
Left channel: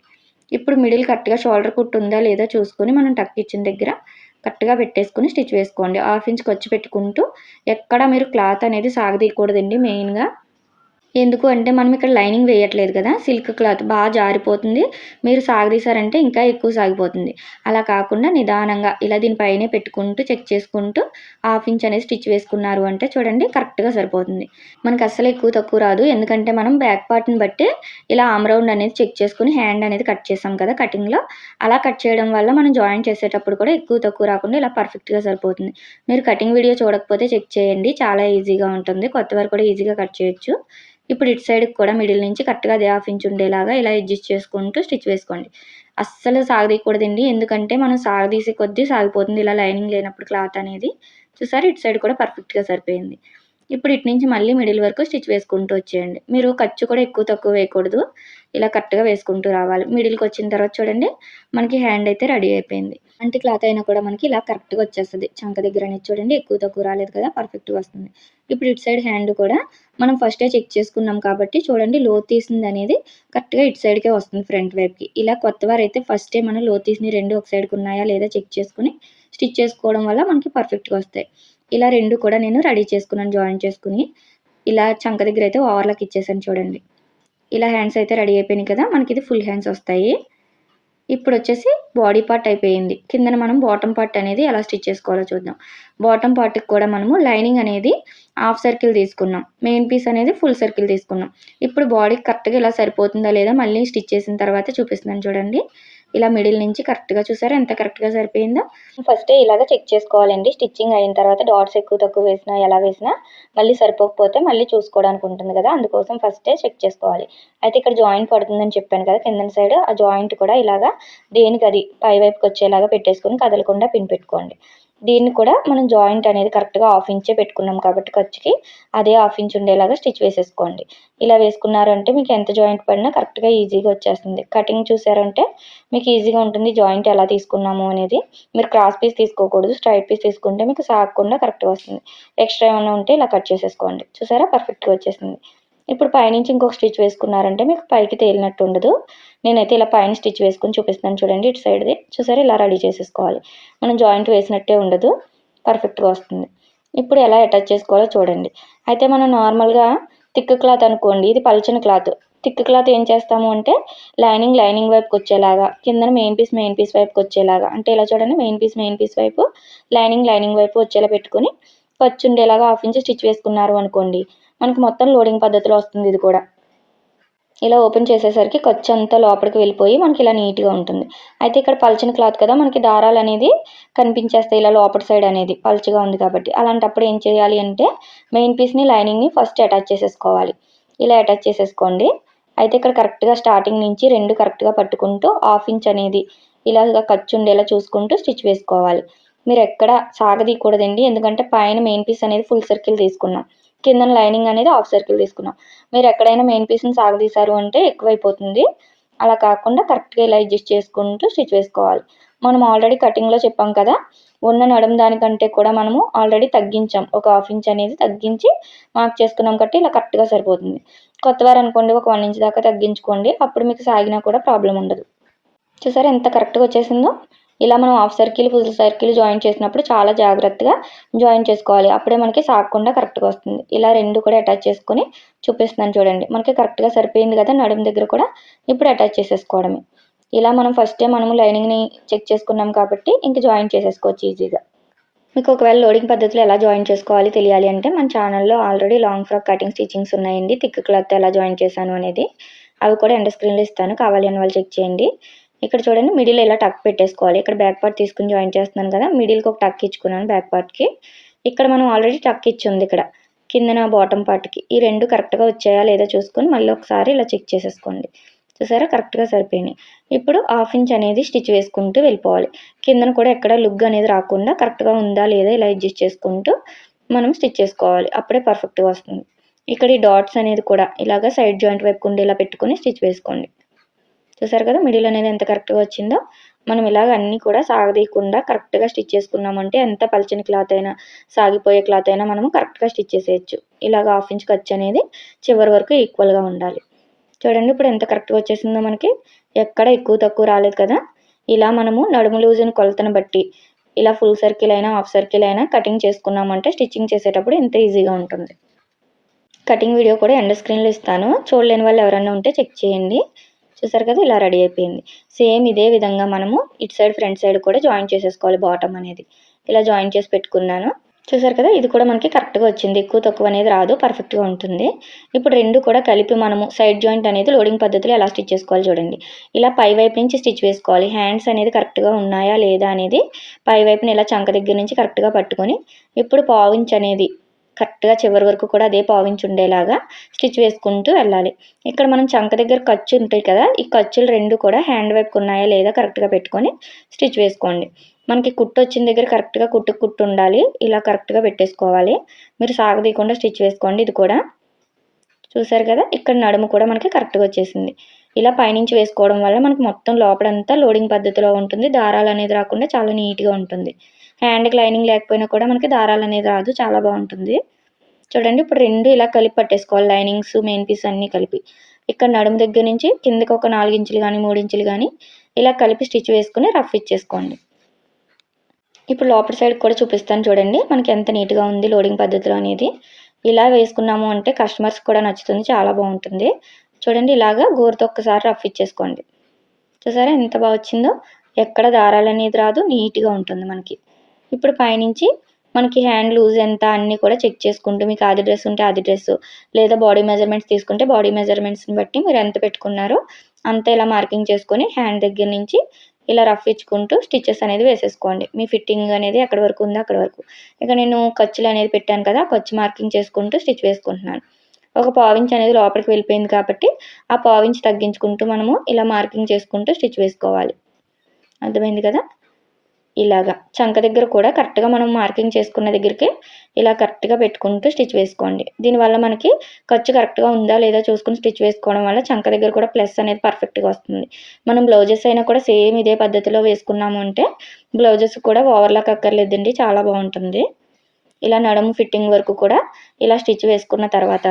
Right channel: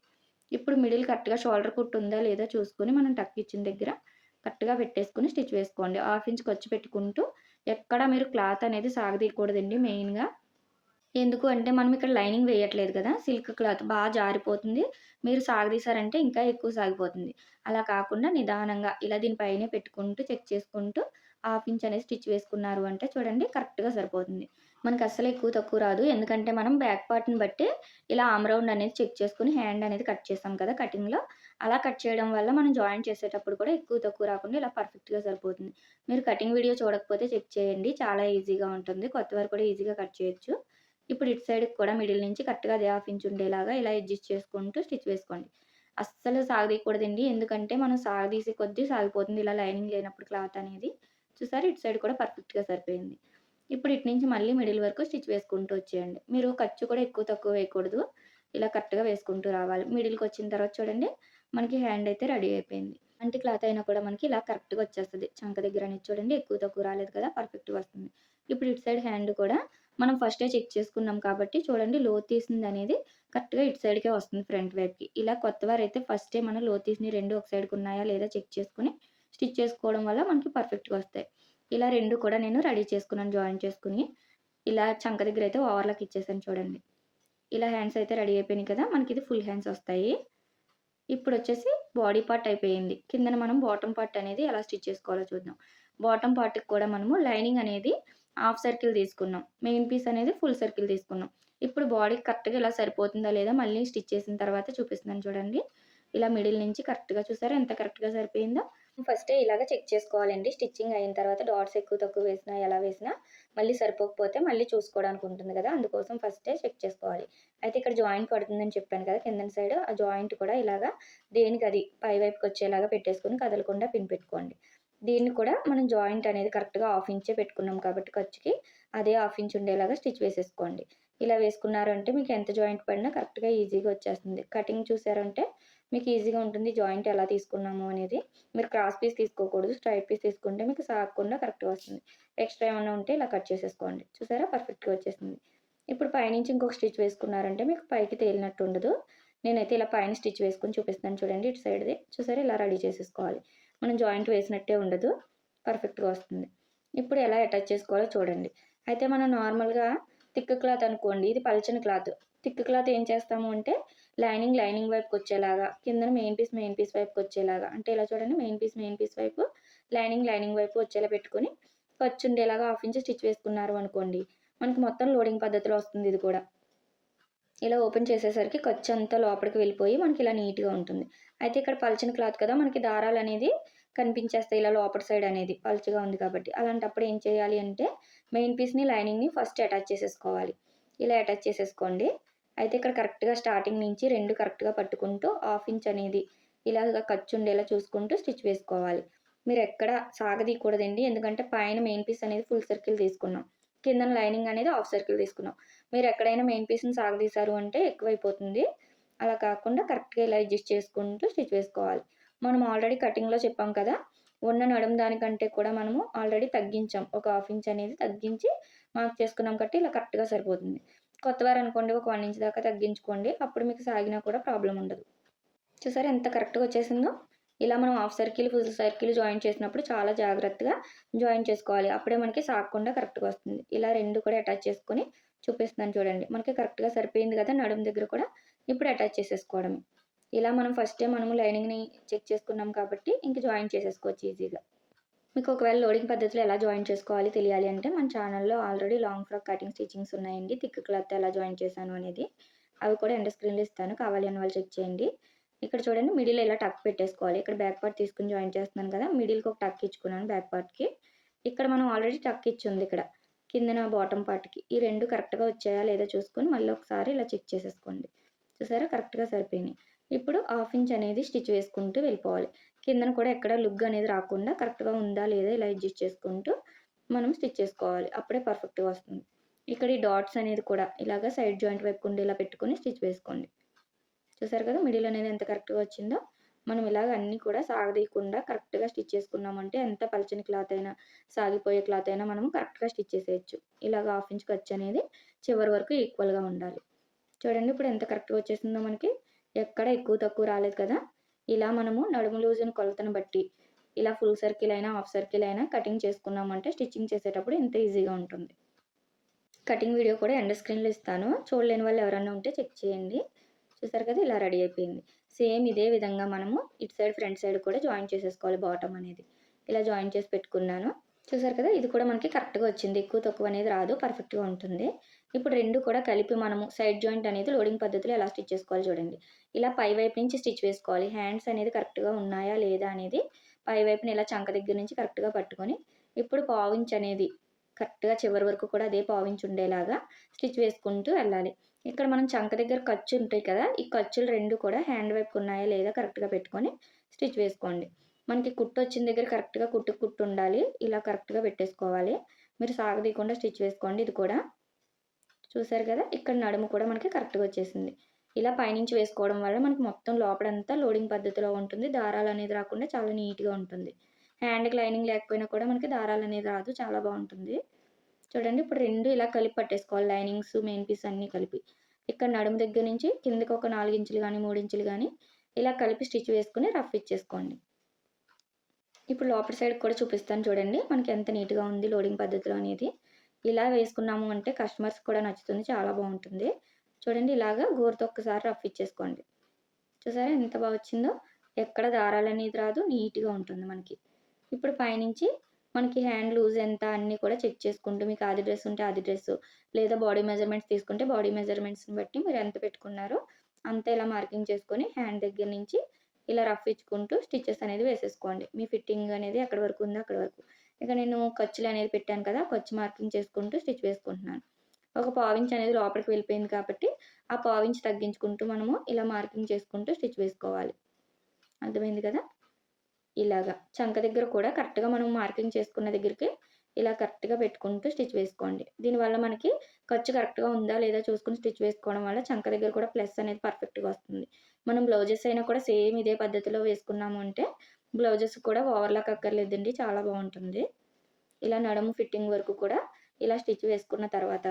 Speaker 1: ఇప్పుడు మిడిల్ కరెక్ట్గా షోల్డర్ కుట్టు ఉందా లేదా చూసుకొని మనం టక్ ఇచ్చిన దగ్గర కరెక్ట్గా పెట్టేసుకుని స్టిచ్ వేసుకోండి. హాఫ్ ఇంచ్ ఖర్చు పెట్టుకుంటూ ఎక్కడ మీరు క్లాత్ అనేది సాగదీయకూడదండి మెయిన్గా. ఎందుకు అంటే మనం ఇక్కడ లైనింగ్ వేయట్లేదు కదా సిల్క్ క్లాత్ బాగా జారిపోతుంది. మీరు సాగదీశారంటే ఇంకా ఎక్కువ సాగిపోతుంది. అలా కాకుండా నిదానంగా ఇలా దీనిపైనే పెట్టుకుంటూ చెక్ చేసుకుంటూ హాఫ్ ఇంచ్ అనేది స్టిచ్ వేసుకున్నారు అంటే చూడండి కరెక్ట్గా సరిపోతుంది. మనకి అస్సలు ఎక్కువ తక్కువ రాదు. ఎందుకంటే మనం బ్యాక్ పార్ట్ని బట్టి ఇలా ఆమ్రౌండ్ అనేది చెక్ చేసుకుని హ్యాండ్ అనేది కట్ చేసాం కదా కటింగ్లో. అలా కట్ చేయడం వల్ల మనం జాయిన్ చేసేటప్పుడు కూడా ఎక్కువ తక్కువ రాకుండా ఇలా పర్ఫెక్ట్గా సరిపోతుంది. మీరు కటింగ్ వీడియో చూడకపోతే చెక్ చేయండి. చాలా ఈజీగా ఉంటుంది. కొత్తవారు కూడా ఈజీగా కట్ చేయొచ్చు. ఇప్పుడు ఇటు సైడ్కి కూడా మిడిల్ నుంచి కరెక్ట్గా అదే హాఫ్ ఇంచ్ ఉండేలాగా ఇలా అడ్జస్ట్ చేసుకుంటూ స్టిచ్ వేసుకోండి. అస్సలు సాగదీయకూడదండి ఎందుకంటే మనం సాగదీసే కొద్దీ సాగిపోతుంది. ఇలా లైనింగ్ లేనప్పుడు క్లాత్ అనేది. చూసారు? ఇటు సైడ్ కూడా పర్ఫెక్ట్గా సరిపోయింది. ఇప్పుడు ఇటు నుంచి మళ్ళీ మిడిల్ వరకు స్టిచ్ వేసుకుంటూ వచ్చేయండి. మీరు ఖర్చు కూడా ఎక్కువ తక్కువ వేయకూడదు. ఇలా కరెక్ట్గా వేసుకుంటూ రావాలి. మిడిల్కి వచ్చిన తర్వాత చూడండి మనకి హ్యాండ్ అయితే రెడీ అయిపోయింది. అంటే క్లాత్ అయినా కూడా మనకి ఇలా కరెక్ట్గా వచ్చేస్తుంది. చంక దగ్గర అనేది చూడండి ఎక్కువ తక్కువ రాలేదు కదా పర్ఫెక్ట్గా వస్తుంది. ఇప్పుడు ఇటు సైడ్ హ్యాండ్ కూడా మనం ఫస్టే చెక్ చేసుకున్నాం కాబట్టి చూడండి లో తీసింది అనేది కరెక్ట్గా ఇటు సైడ్కే వస్తుంది ఫ్రంట్ వైపుకి. ఇలా కొత్త వారు అయితే ఫస్టే మనం లో తీసినవి రెండు ఒక సైడ్కి ఉన్నాయా లేదా చెక్ చేసుకుని స్టిచ్ చేసుకోవడం వల్ల మనకి పర్ఫెక్ట్గా వస్తాయి. ఇలా రెండు కూడా నేను రెడీ చేసుకున్నాను జాయిన్ చేసుకుని. ఇలా చంక దగ్గర అయితే ఓవర్లాక్ ఇచ్చేసాను చూడండి. ఇలా హ్యాండ్స్ అయితే రెడీ అయిపోయినాయి కదా మనకి ఇది ఫుల్ హ్యాండ్స్ వస్తాయి. ఇప్పుడు వచ్చేసి బాడీ పార్ట్ అయిపోయింది. కిందన మనం బాటమ్ పార్ట్ అనేది ఎలా స్టిచ్ చేసుకోవాలో చూద్దాం. బాటమ్ పార్ట్కి కూడా మనము లైనింగ్ అనేది హాఫ్ సర్కిల్ తీసుకున్నాం. మెయిన్ పీస్ అనేది ఫుల్ సర్కిల్ తీసుకున్నాం. ఇప్పుడు బాడీ కరెక్ట్గా ఇలా సరిపోతుందా లేదా మళ్ళీ స్టిచ్ చేసిన తర్వాత చూపిస్తున్నాను చూడండి. ఇలా మిడిల్ నుంచి కరెక్ట్గా చూసారా? ఎంత కరెక్ట్గా సరిపోయిందో? ఫస్ట్ ఇలాగ చెక్ చేసుకోవాలండి. స్టిచ్చింగ్ అయిన తర్వాత డాట్స్ ఎక్కువ తక్కువ వేసినా ఎలా వేసినా మళ్ళీ సరిపోకపోతే మళ్ళీ చూసుకోవడానికి ఉంటుంది కదా. అందుకోసం ఫస్టే చెక్ చేసుకోవాలి. అయితే ఇక్కడ జాయింట్ పడుతుందని చెప్పాను కదా కింద సైడ్ ఆ జాయింట్ కూడా ఇలాగా దేనికి అది పై వైపుకి వచ్చేలాగా పెట్టేసుకొని కదలకుండా పిన్ పెట్టుకోండి. దీన్ని కూడా మనం జాయింట్ అనేది కరెక్ట్గా హాఫ్ ఇంచే పెట్టుకున్నాం కాబట్టి ఖర్చుకి అదే హాఫ్ ఇంచ్ ఉండేలాగా స్టిచ్ వేసేసుకోండి. ఇలా వేసుకున్నారంటే మీకు ఎంత జాయింట్ పడినా కరెక్ట్గా ఈజీగా వచ్చేస్తుంది. కటింగ్ చూసారంటే మీకు ఈజీగా ఉంటుంది జాయింట్ ఎలా తీసుకున్నాము అనేది. మీరు క్రాస్ పీస్ తీసుకోకూడదు స్ట్రైట్ పీస్ తీసుకుంటే మీకు సాగకుండా కరెక్ట్గా వస్తుంది. ఎక్స్ట్రా ఏమైనా ఉంటే ఇలా కట్ చేసేసుకోండి. చూసారా? పర్ఫెక్ట్గా వచ్చేసింది. ఇప్పుడు పైనుంచి ఇంకొక స్టిచ్ వేసుకున్నారంటే మీకు పైకి తేలినట్టు ఉండదు. నేనైతే ఇలా పైన స్టిచ్ వేసుకొని చూపిస్తాను చూడండి ఇటు సైడ్ది. చూసారా? ఇలా రెడీ చేసేసుకోవాలి. మనం జాయింట్ వేసినట్టే ఉండదు. పర్ఫెక్ట్గా వస్తుంది. ఇప్పుడు ఎలా అటాచ్ చేసుకోవాలో చూడండి. అయితే మనం నార్మల్గా థిక్ క్లాత్ అనుకోండి. ఇది పల్చని క్లాత్. థిక్ క్లాత్ ఏం చేస్తాము అంటే లైనింగ్ లైనింగ్ వైపుకి వచ్చేలాగా కిందన మెయిన్ పీస్ మెయిన్ పీస్ వైపుకి వచ్చేలాగా. అంటే ఇలా చూడండి. మెయిన్ పీస్ మెయిన్ పీస్ వైపు లైనింగ్ లైనింగ్ వైపు వచ్చేలా పెట్టుకుని ఖర్చు ఉండేలాగా హాఫ్ ఇంచ్ స్టిచ్ వేసుకున్నారు అనుకోండి. మనకి మొత్తం లోడింగ్ పద్ధతిలో వస్తుంది ఇది కూడా. ఇలా ఓపెన్ చేసేసరికి ఖర్చు అంతా లోపలికి వెళ్ళిపోయి మనకి ఇలా నీట్గా ఉంటుంది. అయితే ఇక్కడ పల్చని క్లాత్ కదా మనకి దారాలు అనేది కనిపించేస్తాయి ఇలా లోపల సైడ్ అనేది పల్చగా ఉంది కాబట్టి. అలాంటప్పుడు ఏం చేయాలి అంటే మెయిన్ పీస్ని లైనింగ్ని ఫస్ట్ అటాచ్ చేసేసుకోవాలి. ఇలా అటాచ్ చేసేసుకోండి. అయితే ఇక్కడ కరెక్ట్గా స్టార్టింగ్ నుంచి రెండు కరెక్ట్గా పట్టుకుంటూ హాఫ్ ఇంచ్ అనేది ఇలాగా ఖర్చు ఉండేలా చూసుకుంటూ స్టిచ్ వేసుకోవాలి. మీరు ఎక్కడ సాగదీయకూడదండి. ఎందుకంటే పైన మెయిన్ పీస్ అనేది ఫుల్ సర్కిల్ తీసుకున్నాం. కింద లైనింగ్ అనేది హాఫ్ సర్కిల్ తీసుకున్నాం. మీరు ఎక్కడైనా మెయిన్ పీస్ని సాగదీశారు అంటే ఎక్కువైపోతుంది. అలా కాకుండా కరెక్ట్గా ఇలా అడ్జస్ట్ చేసుకుంటూ స్టిచ్ వేసుకోవాలి. మనం ఆల్రెడీ కటింగ్లో చెప్పాం కదా ఉన్న నడం దానికంటే కూడా మనము ఆల్రెడీ తగ్గించాం. ఒక హాఫ్ ఇంచ్ అనేది తగ్గించి మార్క్ చేసుకున్నాం కాబట్టి ఇలా కరెక్ట్గా సరిపోతుంది. కొత్తవారు అనుకోండి ఒక వన్ ఇంచ్ దాకా తగ్గించుకోండి. అప్పుడు మీకు సాగినా కూడా ప్రాబ్లం ఉండదు. చూసారా ఎంత కరెక్ట్గా వచ్చేసిందో? ఇలా మనం half circle full circle join చేసినప్పుడు చాలా జాగ్రత్తగా జాయిన్ చేసుకోవాలి. అప్పుడే మనకి సాగకుండా కరెక్ట్గా వస్తుంది. ఇలా రెండు కూడా అటాచ్ చేసుకొని చూపిస్తున్నాను చూడండి. మనకి కరెక్ట్గా సరిపోయింది కదా నడుము దగ్గర కూడా ఇప్పుడు అటాచ్ చేసేసుకోవడమే. ఇలా మనం ఫస్టే మనము లైనింగ్ని చెక్ చేసుకున్నాం కాబట్టి ఇంక జాయిన్ చేసేసుకోవచ్చు ఈజీగా మీకు ఒకవేళ లోడింగ్ పద్ధతిలో ఎలా జాయిన్ చేసుకోవాలి తెలియాలి అంటే మన ఛానల్లో already long frock cutting stitchings ఉన్నాయండి. థిక్ క్లాత్ ఎలా జాయిన్ చేశాను అనేది అవి కూడా ఎండ స్క్రీన్లో ఇస్తాను. కావాలి అని వాళ్ళు చెక్ చేయండి. ఇక్కడ చూడండి మిడిల్ ఇలా టక్ పెట్టేసుకోవాలి. ఇక్కడ బ్యాక్ పార్ట్ తీసుకుని జాయిన్ చేస్తున్నాను కదా మిడిల్కి ఒక టక్ ఇచ్చుకున్నాను బ్యాక్ పార్ట్కి ఇక్కడ మనం ఆల్రెడీ టక్ ఇచ్చి ఉంది ఇక్కడ కిందన బాటమ్ పార్ట్కి ఈ రెండు కరెక్ట్గా వచ్చాయా లేదా చూసుకొని మళ్ళీ ఒకసారి ఇలా చెక్ చేసేసుకోండి. చూసారా? కరెక్ట్గా సరిపోయినాయి. ఇప్పుడు హాఫ్ ఇంచ్ అనేది స్టిచ్ వేసుకుంటూ వెళ్ళిపోవాలి. కిందన కూడా ఎక్కడ లుగ్ అనేది రాకుండా కరెక్ట్గా ఉందా లేదా ఇలా అడ్జస్ట్ చేసుకుంటూ మనం స్టిచ్ చేసుకోవాలి. అప్పుడే పర్ఫెక్ట్గా వస్తుంది. ఇక్కడ ఈ డాట్స్ అనేది కూడా ఇలాగ సైడ్ జాయింట్ వైపు ఇలా పెట్టుకొని స్టిచ్ వేసుకోండి. చూసారు కదా మిడిల్ అనేది ఎంత కరెక్ట్గా వచ్చిందో? మనం ఇలాగ అన్నీ కూడా సాగదీయకుండా కరెక్ట్గా స్టిచ్ చేసుకున్నామంటే ఎంత పలిచిన క్లాత్ అయినా సాగిపోయే క్లాత్ అయినా మనము కరెక్ట్గా స్టిచ్ చేసేయచ్చు. ఇలాగ హాఫ్ ఇంచ్ ఖర్చు అనేది చివరి వరకు ఈక్వల్గా ఉండాలి. చూడండి ఇప్పుడు ఎంత కరెక్ట్గా వచ్చేసిందో మనకి. ఎక్కడ ఎక్కువ తక్కువ రాలేదు కదా. ఇలా మనము నడుము లూజుని కొలతను బట్టి ఇలా ఫుల్ సర్కిల్ అయినా హాఫ్ సర్కిల్ అయినా కటింగ్ చేసుకున్నామంటే స్టిచ్చింగ్ చేసేటప్పుడు ఇంత ఈజీగా ఉంటుంది. కటింగ్ వీడియో కూడా ఎండ్ స్క్రీన్లో ఇస్తాను. చూడలేని వాళ్ళు ఎవరైనా ఉంటే చెక్ చేయండి. చూసారు కదా ఇలా రెడీ అయిపోయింది. సేమ్ ఇదే విధంగా మనము ఇటు సైడ్ ఫ్రంట్ సైడ్ కూడా జాయిన్ చేసేసుకోవాలి బాటమ్ అనేది. ఇలా జాయిన్ చేసి పెట్టుకున్నాను. చూసారు కదా ఇది కూడా మనకి కరెక్ట్గా వచ్చింది. ఎక్కువ తక్కువ అనేది రాదు పర్ఫెక్ట్గా ఉంటుంది. ఇప్పుడు రెండు కూడా కలిపి మనము సైడ్ జాయింట్ అనేది లోడింగ్ పద్ధతిలో ఎలా స్టిచ్ చేసుకోవాలి చూడండి. ఇలా పై వైపు నుంచి స్టిచ్ వేసుకోవాలి. హ్యాండ్స్ అనేది కరెక్ట్గా ఉన్నాయా లేదా అనేది పై వైపుని ఇలా చంక దగ్గర నుంచి కరెక్ట్గా పట్టుకొని ఇప్పుడు పావించ్ అనేది కరెక్ట్గా చివరి వరకు కూడా అదే పావించి ఉండేలాగా స్టిచ్ వేసుకుంటూ వెళ్ళాలి. ఇక్కడ మనం చంక దగ్గర ఖర్చు ఉంటాయి కదా ఈ ఖర్చులు రెండు కూడా హ్యాండ్ వైపుకు ఉన్నాయా లేదా కరెక్ట్గా పెట్టుకొని స్టిచ్ వేసుకోండి. మనకి కుట్టు వచ్చిన దగ్గర కరెక్ట్గా కుట్టు కుట్టు ఉండాలి ఇలా కరెక్ట్గా పెట్టేసుకోవాలి. మీరు సాగదీయకుండా స్టిచ్ వేసుకోండి ఇది కూడా. చూసారు కదా ఇక్కడ నడుము కూడా మనకి కరెక్ట్గా వచ్చేసింది. ఇలా పైనుంచి వేసుకోవడం వల్ల మనకి మొత్తం లోపలంతా లోడింగ్ పద్ధతిలో ఉంటుంది. దారాలు అనేది రాకుండా చాలా నీట్గా ఉంటుంది. హ్యాండ్కి లైనింగ్ లేకపోయినా కూడా మనకి దారాలు అనేది రాదు చాలా బాగుంటుంది. చూడండి ఇప్పుడు రెండు ఇలా కలిపి పట్టేసుకోవాలి లైనింగ్స్ మెయిన్ పీస్ అన్నీ కలిపి. ఇక్కడ నడుము దగ్గర నుంచి కిందకి ఒక నాలుగు ఇంచులు కానీ మూడు ఇంచులు కానీ ఇలా కలిపి స్టిచ్ వేసుకుని రఫ్ ఇచ్చేసుకోండి. ఇప్పుడు లోపల సైడ్ కూడా చూపిస్తాను చూడండి మనకి ఎంత నీట్గా ఉంది లోడింగ్ పద్ధతిలో అనేది. ఇలా వేసుకున్నాము అంటే కస్టమర్స్ కూడా నచ్చుతుంది చాలా బాగుంటుంది. చూడండి ఇలాగా గోరుతో ఒక్కసారి రఫ్ ఇచ్చేసుకోండి. చూసారా ఎంత బాగా వచ్చిందో? ఎక్కడ దారాలు అనేది రాదు నీట్గా ఉంటుంది మనకి. ఇప్పుడు పైనుంచి మనకి హ్యాండ్ లూజ్ ఎంత అన్నీ కూడా చెక్ చేసుకుంటూ మీకు అది డ్రెస్ ఉంటే అది డ్రెస్ లేదా బాడీ మెజర్మెంట్స్ తీసుకుంటే బాడీ మెజర్మెంట్స్ని బట్టి మీరు ఎంత పెట్టుకున్నారో అంత ఇలా మార్కింగ్ చేసుకొని హ్యాండ్ దగ్గర నుంచి ఇలా రఫ్ ఇచ్చుకుంటూ స్టిచెస్ అనేది వేసేసుకోండి. మీ ఫిట్టింగ్ అనేది ఎక్కడి వరకు ఉందో అక్కడ వరకు. ఇక నేను ఖర్చులు అనేది పెట్టాను కదా ఖర్చు మార్కింగ్ చేసుకుంటూ స్టిచ్ వేసుకుంటున్నాను. ఒక పావించ్ అనేది లోపలికి వెళ్ళిపోయింది కాబట్టి ఆ పావించ్ తగ్గించుకుంటూ మనము ఇలా మార్కింగ్ చేసుకుంటూ స్టిచ్ వేసుకోవాలి. అర్థమైంది కదా? ఇలాగా చంక దగ్గర కూడా కరెక్ట్గా మనం మార్కింగ్ చేసుకున్న దగ్గరికి ఇలా కరెక్ట్గా పెట్టుకుంటూ స్టిచ్ వేసుకోండి. దీనివల్ల మనకి ఖర్చు కరెక్ట్గా ఉందా లేదా చూసుకుని స్టిచ్ వేసుకోవడం వల్ల చంక దగ్గర కూడా ప్లస్ అనేది పర్ఫెక్ట్గా వస్తుంది. మనం బ్లౌజెస్ అయినా కూడా సేమ్ ఇదే పద్ధతిలో వేసుకున్నాము అంటే బ్లౌజెస్ కూడా ఓవర్లాక్ అక్కర్లేదండి చాలా బాగుంటుంది. ఇలా నడుము ఫిట్టింగ్ వరకు కూడా ఇలా స్టిచ్ వేసుకున్న తర్వాత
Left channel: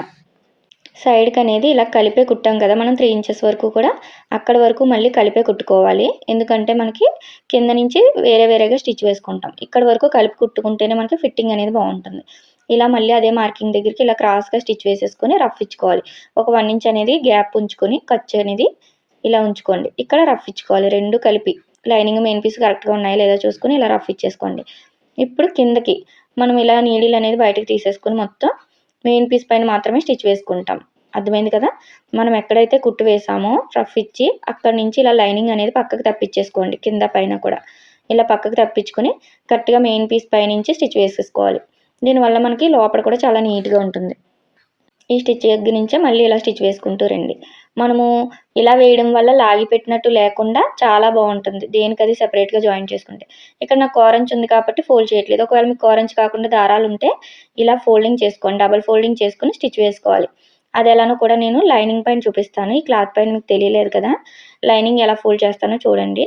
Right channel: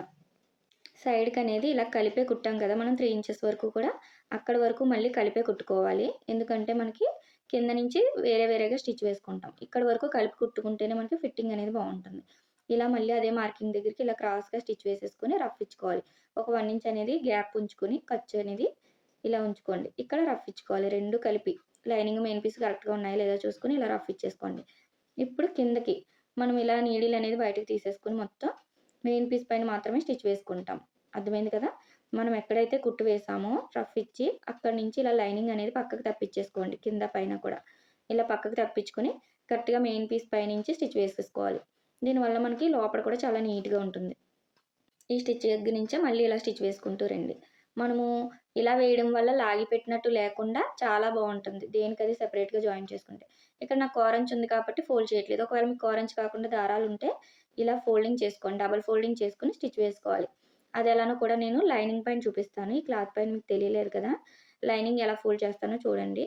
Speaker 1: సైడ్కి అనేది ఇలా కలిపే కుట్టాం కదా మనం త్రీ ఇంచెస్ వరకు కూడా అక్కడ వరకు మళ్ళీ కలిపే కుట్టుకోవాలి. ఎందుకంటే మనకి కింద నుంచి వేరే వేరేగా స్టిచ్ వేసుకుంటాం. ఇక్కడ వరకు కలిపి కుట్టుకుంటేనే మనకి ఫిట్టింగ్ అనేది బాగుంటుంది. ఇలా మళ్ళీ అదే మార్కింగ్ దగ్గరికి ఇలా క్రాస్గా స్టిచ్ వేసేసుకొని రఫ్ ఇచ్చుకోవాలి. ఒక వన్ ఇంచ్ అనేది గ్యాప్ ఉంచుకొని ఖర్చు అనేది ఇలా ఉంచుకోండి. ఇక్కడ రఫ్ ఇచ్చుకోవాలి. రెండు కలిపి లైనింగ్ మెయిన్ పీస్ కరెక్ట్గా ఉన్నాయా లేదా చూసుకొని ఇలా రఫ్ ఇచ్చేసుకోండి. ఇప్పుడు కిందకి మనం ఇలా నీడిల్ అనేది బయటకు తీసేసుకొని మొత్తం మెయిన్ పీస్ పైన మాత్రమే స్టిచ్ వేసుకుంటాం. అర్థమైంది కదా? మనం ఎక్కడైతే కుట్టు వేసామో రఫ్ ఇచ్చి అక్కడి నుంచి ఇలా లైనింగ్ అనేది పక్కకు తప్పించేసుకోండి కింద పైన కూడా. ఇలా పక్కకు తప్పించుకొని కరెక్ట్గా మెయిన్ పీస్ పైనుంచి స్టిచ్ వేసేసుకోవాలి. దీనివల్ల మనకి లోపల కూడా చాలా నీట్గా ఉంటుంది. ఈ స్టిచ్ దగ్గర నుంచే మళ్ళీ ఇలా స్టిచ్ వేసుకుంటూ రండి. మనము ఇలా వేయడం వల్ల లాగి పెట్టినట్టు లేకుండా చాలా బాగుంటుంది. దేనికి అది సెపరేట్గా జాయిన్ చేసుకుంటే. ఇక్కడ నాకు కోరంచ్ ఉంది కాబట్టి ఫోల్డ్ చేయట్లేదు. ఒకవేళ మీకు కోరంచ్ కాకుండా దారాలు ఉంటే ఇలా ఫోల్డింగ్ చేసుకోండి. డబల్ ఫోల్డింగ్ చేసుకొని స్టిచ్ వేసుకోవాలి. అది ఎలానో కూడా నేను లైనింగ్ పైన చూపిస్తాను. ఈ క్లాత్ పైన మీకు తెలియలేదు కదా. లైనింగ్ ఎలా ఫోల్డ్ చేస్తానో చూడండి.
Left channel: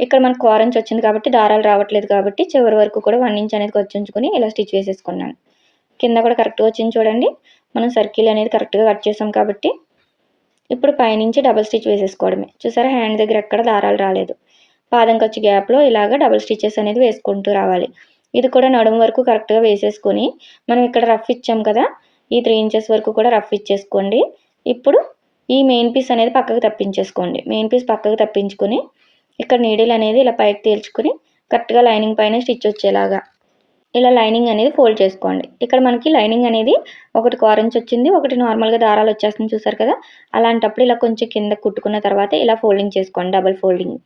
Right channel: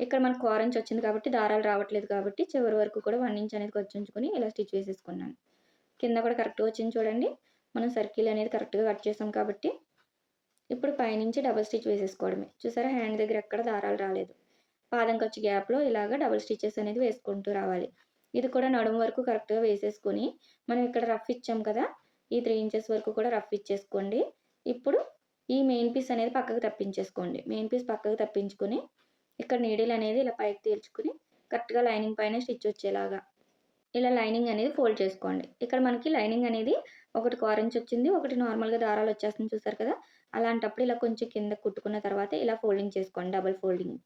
Speaker 1: ఇక్కడ మనకు ఆరెంజ్ వచ్చింది కాబట్టి దారాలు రావట్లేదు కాబట్టి చివరి వరకు కూడా వన్ ఇంచ్ అనేది వచ్చించుకొని ఇలా స్టిచ్ వేసేసుకున్నాను. కింద కూడా కరెక్ట్గా వచ్చింది చూడండి. మనం సర్కిల్ అనేది కరెక్ట్గా కట్ చేసాం కాబట్టి ఇప్పుడు పైనుంచి డబల్ స్టిచ్ వేసేసుకోవడమే. చూసారా? హ్యాండ్ దగ్గర ఎక్కడ దారాలు రాలేదు. పాదం ఖర్చు గ్యాప్లో ఇలాగ డబల్ స్టిచెస్ అనేది వేసుకుంటూ రావాలి. ఇది కూడా నడుము వరకు కరెక్ట్గా వేసేసుకొని మనం ఇక్కడ రఫ్ ఇచ్చాం కదా? ఈ త్రీ ఇంచెస్ వరకు కూడా రఫ్ ఇచ్చేసుకోండి. ఇప్పుడు ఈ మెయిన్ పీస్ అనేది పక్కకు తప్పించేసుకోండి. మెయిన్ పీస్ పక్కకు తప్పించుకొని ఇక్కడ నీడిల్ అనేది ఇలా పైకి తేల్చుకుని కరెక్ట్గా లైనింగ్ పైన స్టిచ్ వచ్చేలాగా. ఇలా లైనింగ్ అనేది ఫోల్డ్ చేసుకోండి. ఇక్కడ మనకి లైనింగ్ అనేది ఒకటి ఆరెంజ్ వచ్చింది ఒకటి నార్మల్గా దారాలు వచ్చేస్తుంది చూసారు కదా? అలాంటప్పుడు ఇలా కొంచెం కింద కుట్టుకున్న తర్వాత ఇలా ఫోల్డింగ్ చేసుకోండి డబల్ ఫోల్డింగ్.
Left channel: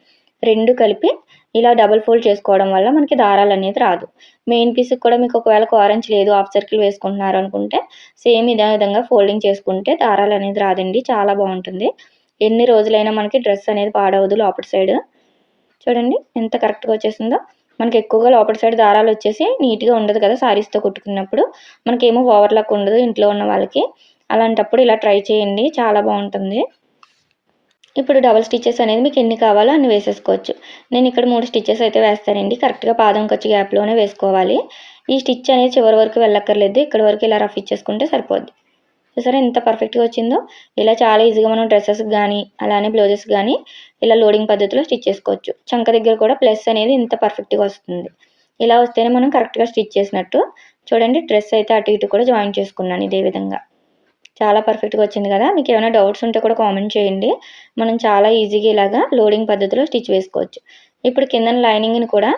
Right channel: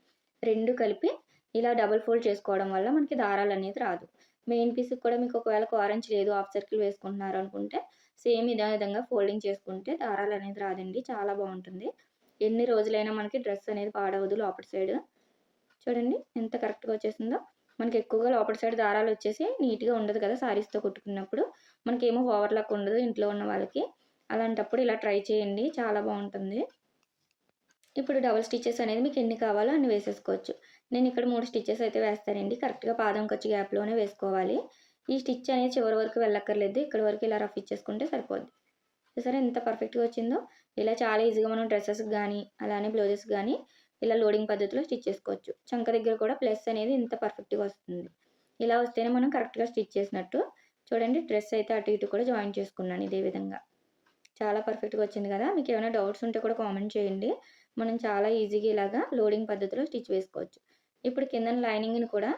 Speaker 1: రెండు కలిపి ఇలా డబల్ ఫోల్డ్ చేసుకోవడం వల్ల మనకి దారాలు అనేది రాదు. మెయిన్ పీస్కి కూడా మీకు ఒకవేళ ఆరెంజ్ లేదు హాఫ్ సర్కిల్ వేసుకుంటున్నారు అనుకుంటే సేమ్ ఇదే విధంగా ఫోల్డింగ్ చేసుకుంటే దారాలు అనేది రాదండి చాలా బాగుంటుంది. ఎన్ని రోజులైనా మనకి డ్రెస్ అనేది పాడవదు లోపల సైడ్. చూడండి ఎంత కరెక్ట్గా వచ్చేసిందో. మనకి ఎక్కువగా లోపల సైడ్ దారాలు వచ్చేసి నీట్గా ఉండదు కదా శారీస్తో కుట్టుకున్నప్పుడు. మనకేమో ఓవర్లాక్ ఉండదు ఇంట్లో ఉన్న వాళ్ళకి. అలాంటప్పుడు ఇలా ట్రై చేయండి. చాలా బాగుంటుంది. ఇప్పుడు డబల్ స్టిచెస్ అనేది మీకు ఎన్ని కావాలో అన్ని వేసేసుకోవచ్చు. నేను ఇక్కడ మూడు స్టిచెస్ అయితే వేస్తానండి. కరెక్ట్గా పాదం ఖర్చు గ్యాప్లోనే వేసుకోవాలి. ఈ స్టిచ్ అనేది చివరి వరకు వెళ్ళక్కర్లేదు. ఇక్కడ వరకు ఇలా రఫ్ ఇచ్చేసుకుంటే సరిపోద్ది. చూసారా ఎంత పర్ఫెక్ట్గా వచ్చిందో. ఇలా చాలా ఈజీగా మనం డ్రెస్సెస్ కానీ అలానే బ్లౌజెస్ కానీ ఇలా లోడింగ్ పద్ధతిలో స్టిచ్ చేసుకోవచ్చు. చంక దగ్గర కూడా ప్లస్ అనేది ఇంత పర్ఫెక్ట్గా వస్తుంది. ఇలా వస్తేనే మనం కరెక్ట్గా స్టిచ్ చేసినట్టు చూడండి డ్రెస్ అయితే అటు ఇటు కూడా జాయిన్ చేసుకున్నాను ఇదే విధంగా. చాలా పర్ఫెక్ట్గా వచ్చింది కదా. మీకు ఏమైనా డౌట్స్ ఉంటే కూడా కామెంట్ చేయండి. మనం చాలా ఈజీగా ఇలాగా లోడింగ్ పద్ధతిలో స్టిచ్ వేసుకోవచ్చు. ఇప్పుడు కింద లైనింగ్ని కూడా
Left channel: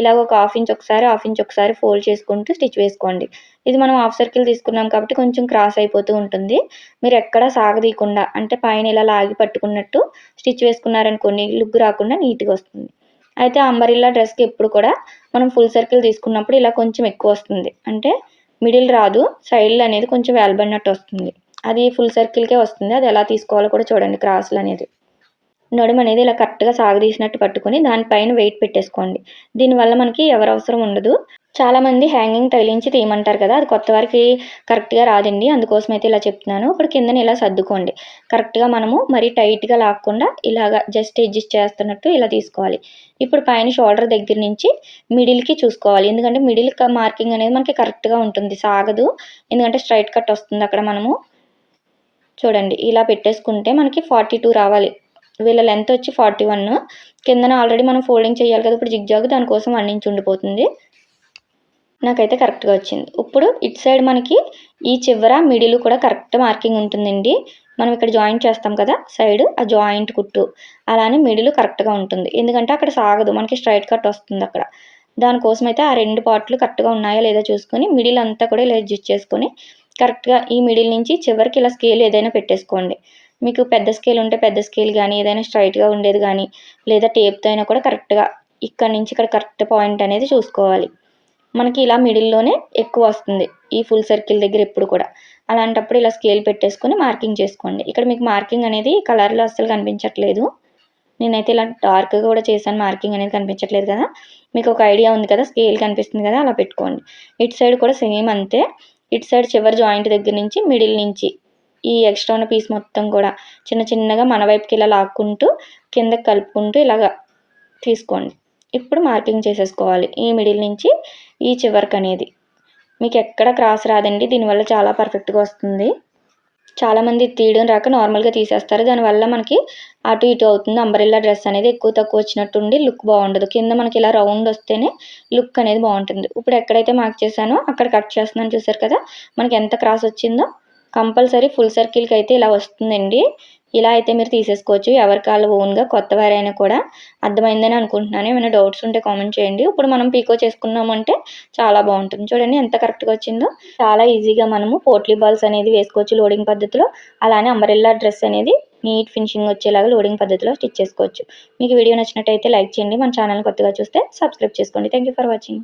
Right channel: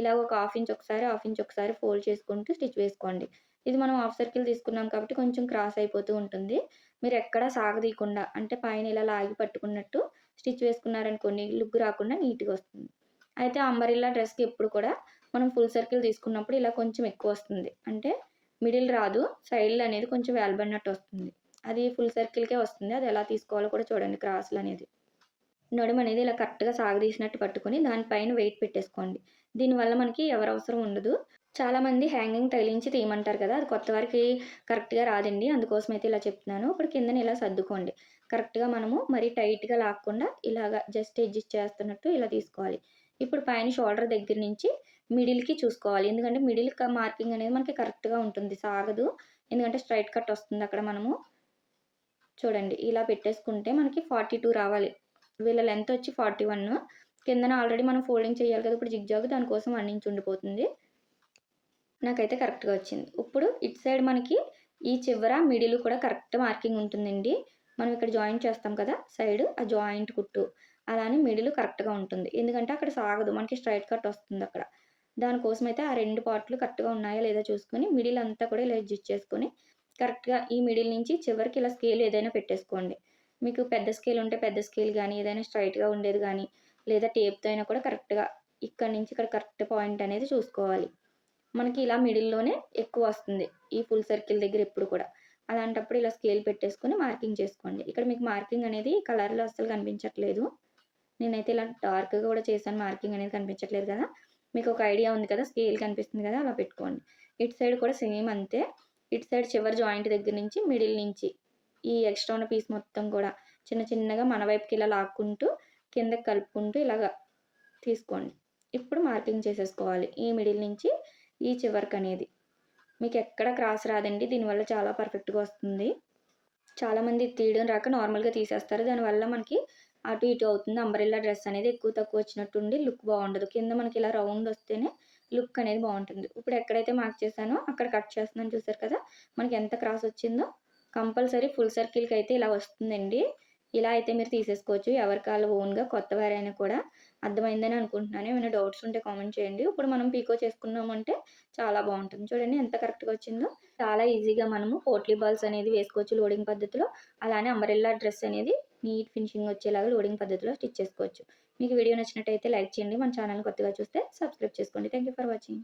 Speaker 1: ఇలాగ ఒక హాఫ్ ఇంచ్ ఒకసారి హాఫ్ ఇంచ్ ఒకసారి ఫోల్డ్ చేసుకుంటూ స్టిచ్ వేసుకోండి. ఇది మనం హాఫ్ సర్కిల్ తీసుకున్నాం కాబట్టి కొంచెం క్రాస్ అయిపోతూ ఉంటుంది. మీరు ఎక్కడ సాగదీయకుండా అంటే పైన ఇలా లాగి పట్టుకున్నట్టు స్టిచ్ వేసుకున్నారనుకోండి లుక్ రాకుండా నీట్గా వస్తుంది. అయితే అంబరిల్లా డ్రెస్కి ఎప్పుడు కూడా మనం ఫుల్ సర్కిల్ తీసుకున్నప్పుడు ఇలా కొంచెం ఎక్కువ వస్తుంది. అంటే మిడిల్ రాదు సైడ్లు అనేది కొంచెం వేలబడినట్టు వస్తుంది. అది ఫుల్ సర్కిల్కే వస్తుంది. అది ఎలా తీసుకోవాలో కూడా చూడండి క్రాసులు అనేది. నడుము అనేది ఇలా కరెక్ట్గా సాగదీసినట్టు పట్టుకొని దానిపైన వెయిట్ పెట్టేసుకోండి. దీనివల్ల మనకి ఎవరు అవసరం ఉండదు. చాలామంది హ్యాంగింగ్ తగిలించి తీయమంటారు కదా అది కొత్త వారికి కరెక్ట్గా రాదండి. అందుకోసం అయితే ఇలా చెప్తున్నాను. ఇప్పుడు కిందని ఇలా సర్దుకోండి. కరెక్ట్గా మనము మరీ టైట్గా లాక్కుండా ఇలాగా జస్ట్ అడ్జస్ట్ చేస్తున్నట్టు ఇలా తీసుకోవాలి. ఇప్పుడు పైన షోల్డర్ దగ్గర నుంచి మిడిల్కి చూసుకోవాలి. ఎందుకంటే మిడిల్ మార్కింగ్ అనేది మనకి కరెక్ట్గా ఉంటుంది. సాగదు. ఎందుకంటే స్ట్రైట్ కట్ వస్తుంది అక్కడ మనము. చూడండి ఇలా పెట్టేసుకుంటే మనకి ఫార్టీ టూ రావాలి. వీళ్ళ లెంత్ వచ్చి ఫార్టీ వన్ కిందన ఆల్రెడీ మనం ఫోల్డింగ్ చేయాలి కదా ఇప్పుడు జిగ్జాగ్ దానికోసం వన్ ఇంచ్ ఉండిపోతుంది. నాకైతే కరెక్ట్గా వచ్చింది. ఇప్పుడు ఇటు సైడ్ మనకి ఈ చివర మిడిల్ కూడా కరెక్ట్ మార్కింగ్ ఉంటుందండి. మనం ఇక్కడ జాయింట్ చేస్తాం కదా సైడ్ ఆ జాయింట్ కుట్టు. అలానే మిడిల్ కరెక్ట్గా ఉంటుంది. ఎందుకంటే అక్కడ సాగదు మనకి స్ట్రైట్ కట్ వస్తుంది అక్కడ. దానికోసం అయితే ఆ రెండు పార్ట్లు కరెక్ట్గా ఉన్నాయా లేదా చూసుకొని మిడిల్ అంతా కూడా ఇలా అడ్జస్ట్ చేసుకొని కరెక్ట్గా ఈ మిడిల్ నుంచి చివరికి ఇలా స్కేల్ ఏదైనా పెట్టేసుకోండి. మీకు పెద్ద స్కేల్ ఉంటే పెద్ద స్కేల్ కానీ ఏదైనా స్ట్రైట్గా ఉండేది కానీ లేదా టేప్తో అయినా కూడా కరెక్ట్గా ఇక్కడ నుంచి ఇక్కడ కరెక్ట్ పాయింట్ అనేది చూసుకోవాలి. మనకి ఇలా మిడిల్లోనే ఎక్కువ వస్తుంది. ఈ ఫుల్ సర్కిల్ దగ్గర ఎప్పుడు కూడా. అలాంటప్పుడు ఇలా స్కేల్ పెట్టేసుకొని మార్కింగ్ చేసుకోండి. ఇక్కడ మీకు మార్కింగ్ అనేది కలర్లో అస్సలు కనిపించట్లేదు. నేనైతే ఇలా డార్క్గా కూడా చేశాను. మార్కింగ్ అనేది కనిపించట్లేదు కదా. మీకు ఒక ఐడియా ఉంది కదా స్కేల్ కనిపిస్తుంది కదా అలా పెట్టుకోండి. ఇటు సైడ్ కూడా సేమ్ అంతే. ఇటు సైడ్ చివరి జాయింట్ దగ్గర నుంచి మిడిల్ నుంచి ఈ ఎక్స్ట్రా ఉన్న పీస్ మొత్తం కూడా చిన్న చిన్నగా మన వైపుకి ఇలా లాక్కుంటూ కిందకి కలుపుకుంటూ ఇలాగ తీసుకోండి. ఇప్పుడు మార్కింగ్ చేసేసుకోవాలి. ఈ మిడిల్ నుంచి ఈ చివరికి అనేది. మీకు ఎక్కడ క్రాస్ రాదండి. దీనివల్ల చాలా పర్ఫెక్ట్గా వస్తుంది. చాలామంది తీయడం రాక నార్మల్గా తీసేస్తారు. దానివల్ల మనకి అటు ఇటు అవుతుంది. అంబరిల్లా డ్రెస్ అనేది ఎక్కువ తక్కువ వచ్చినట్టుండి లుక్ బాగుండదు. కింద మనకి ఇలా రౌండ్ వస్తేనే లుక్ అనేది బాగుంటుంది. ఇప్పుడు ఎక్కడైతే మార్క్ చేశానో అక్కడ కట్ చేస్తున్నాను చూసారు కదా? మనకి ఎంత క్రాస్ వచ్చిందో కంపల్సరీ ఫుల్ సర్కిల్కి అయితే ఇలా వస్తుందండి. ఇలా అయితే మీరు తీసేసుకోవచ్చు. ఎవరి కాళ్ళు ఓన్గా కొత్త వారైనా కూడా అర్థమైందని అనుకుంటున్నాను. ఏమైనా డౌట్స్ ఉంటే కామెంట్ చేయండి. ఇప్పుడు మనం పీకో చేసుకున్నామంటే చాలా బాగుంటుంది. చూడండి ఎంత కరెక్ట్గా వచ్చిందో. చాలా ఈజీగా మనము పోట్లీ బాల్స్ అనేది వేసుకోవచ్చు లోడింగ్ పద్ధతిలో. అలానే అంబరెల్లా డ్రెస్ అనేది నీట్ ఫినిషింగ్ వచ్చేలాగా లోడింగ్ పద్ధతిలో స్టిచ్ చేసుకోవచ్చు. మీకు వీడియో నచ్చినట్టయితే లైక్ చేయండి. మన ఛానల్ కొత్తగా చూస్తే సబ్స్క్రైబ్ చేసుకోండి. Thank for watching.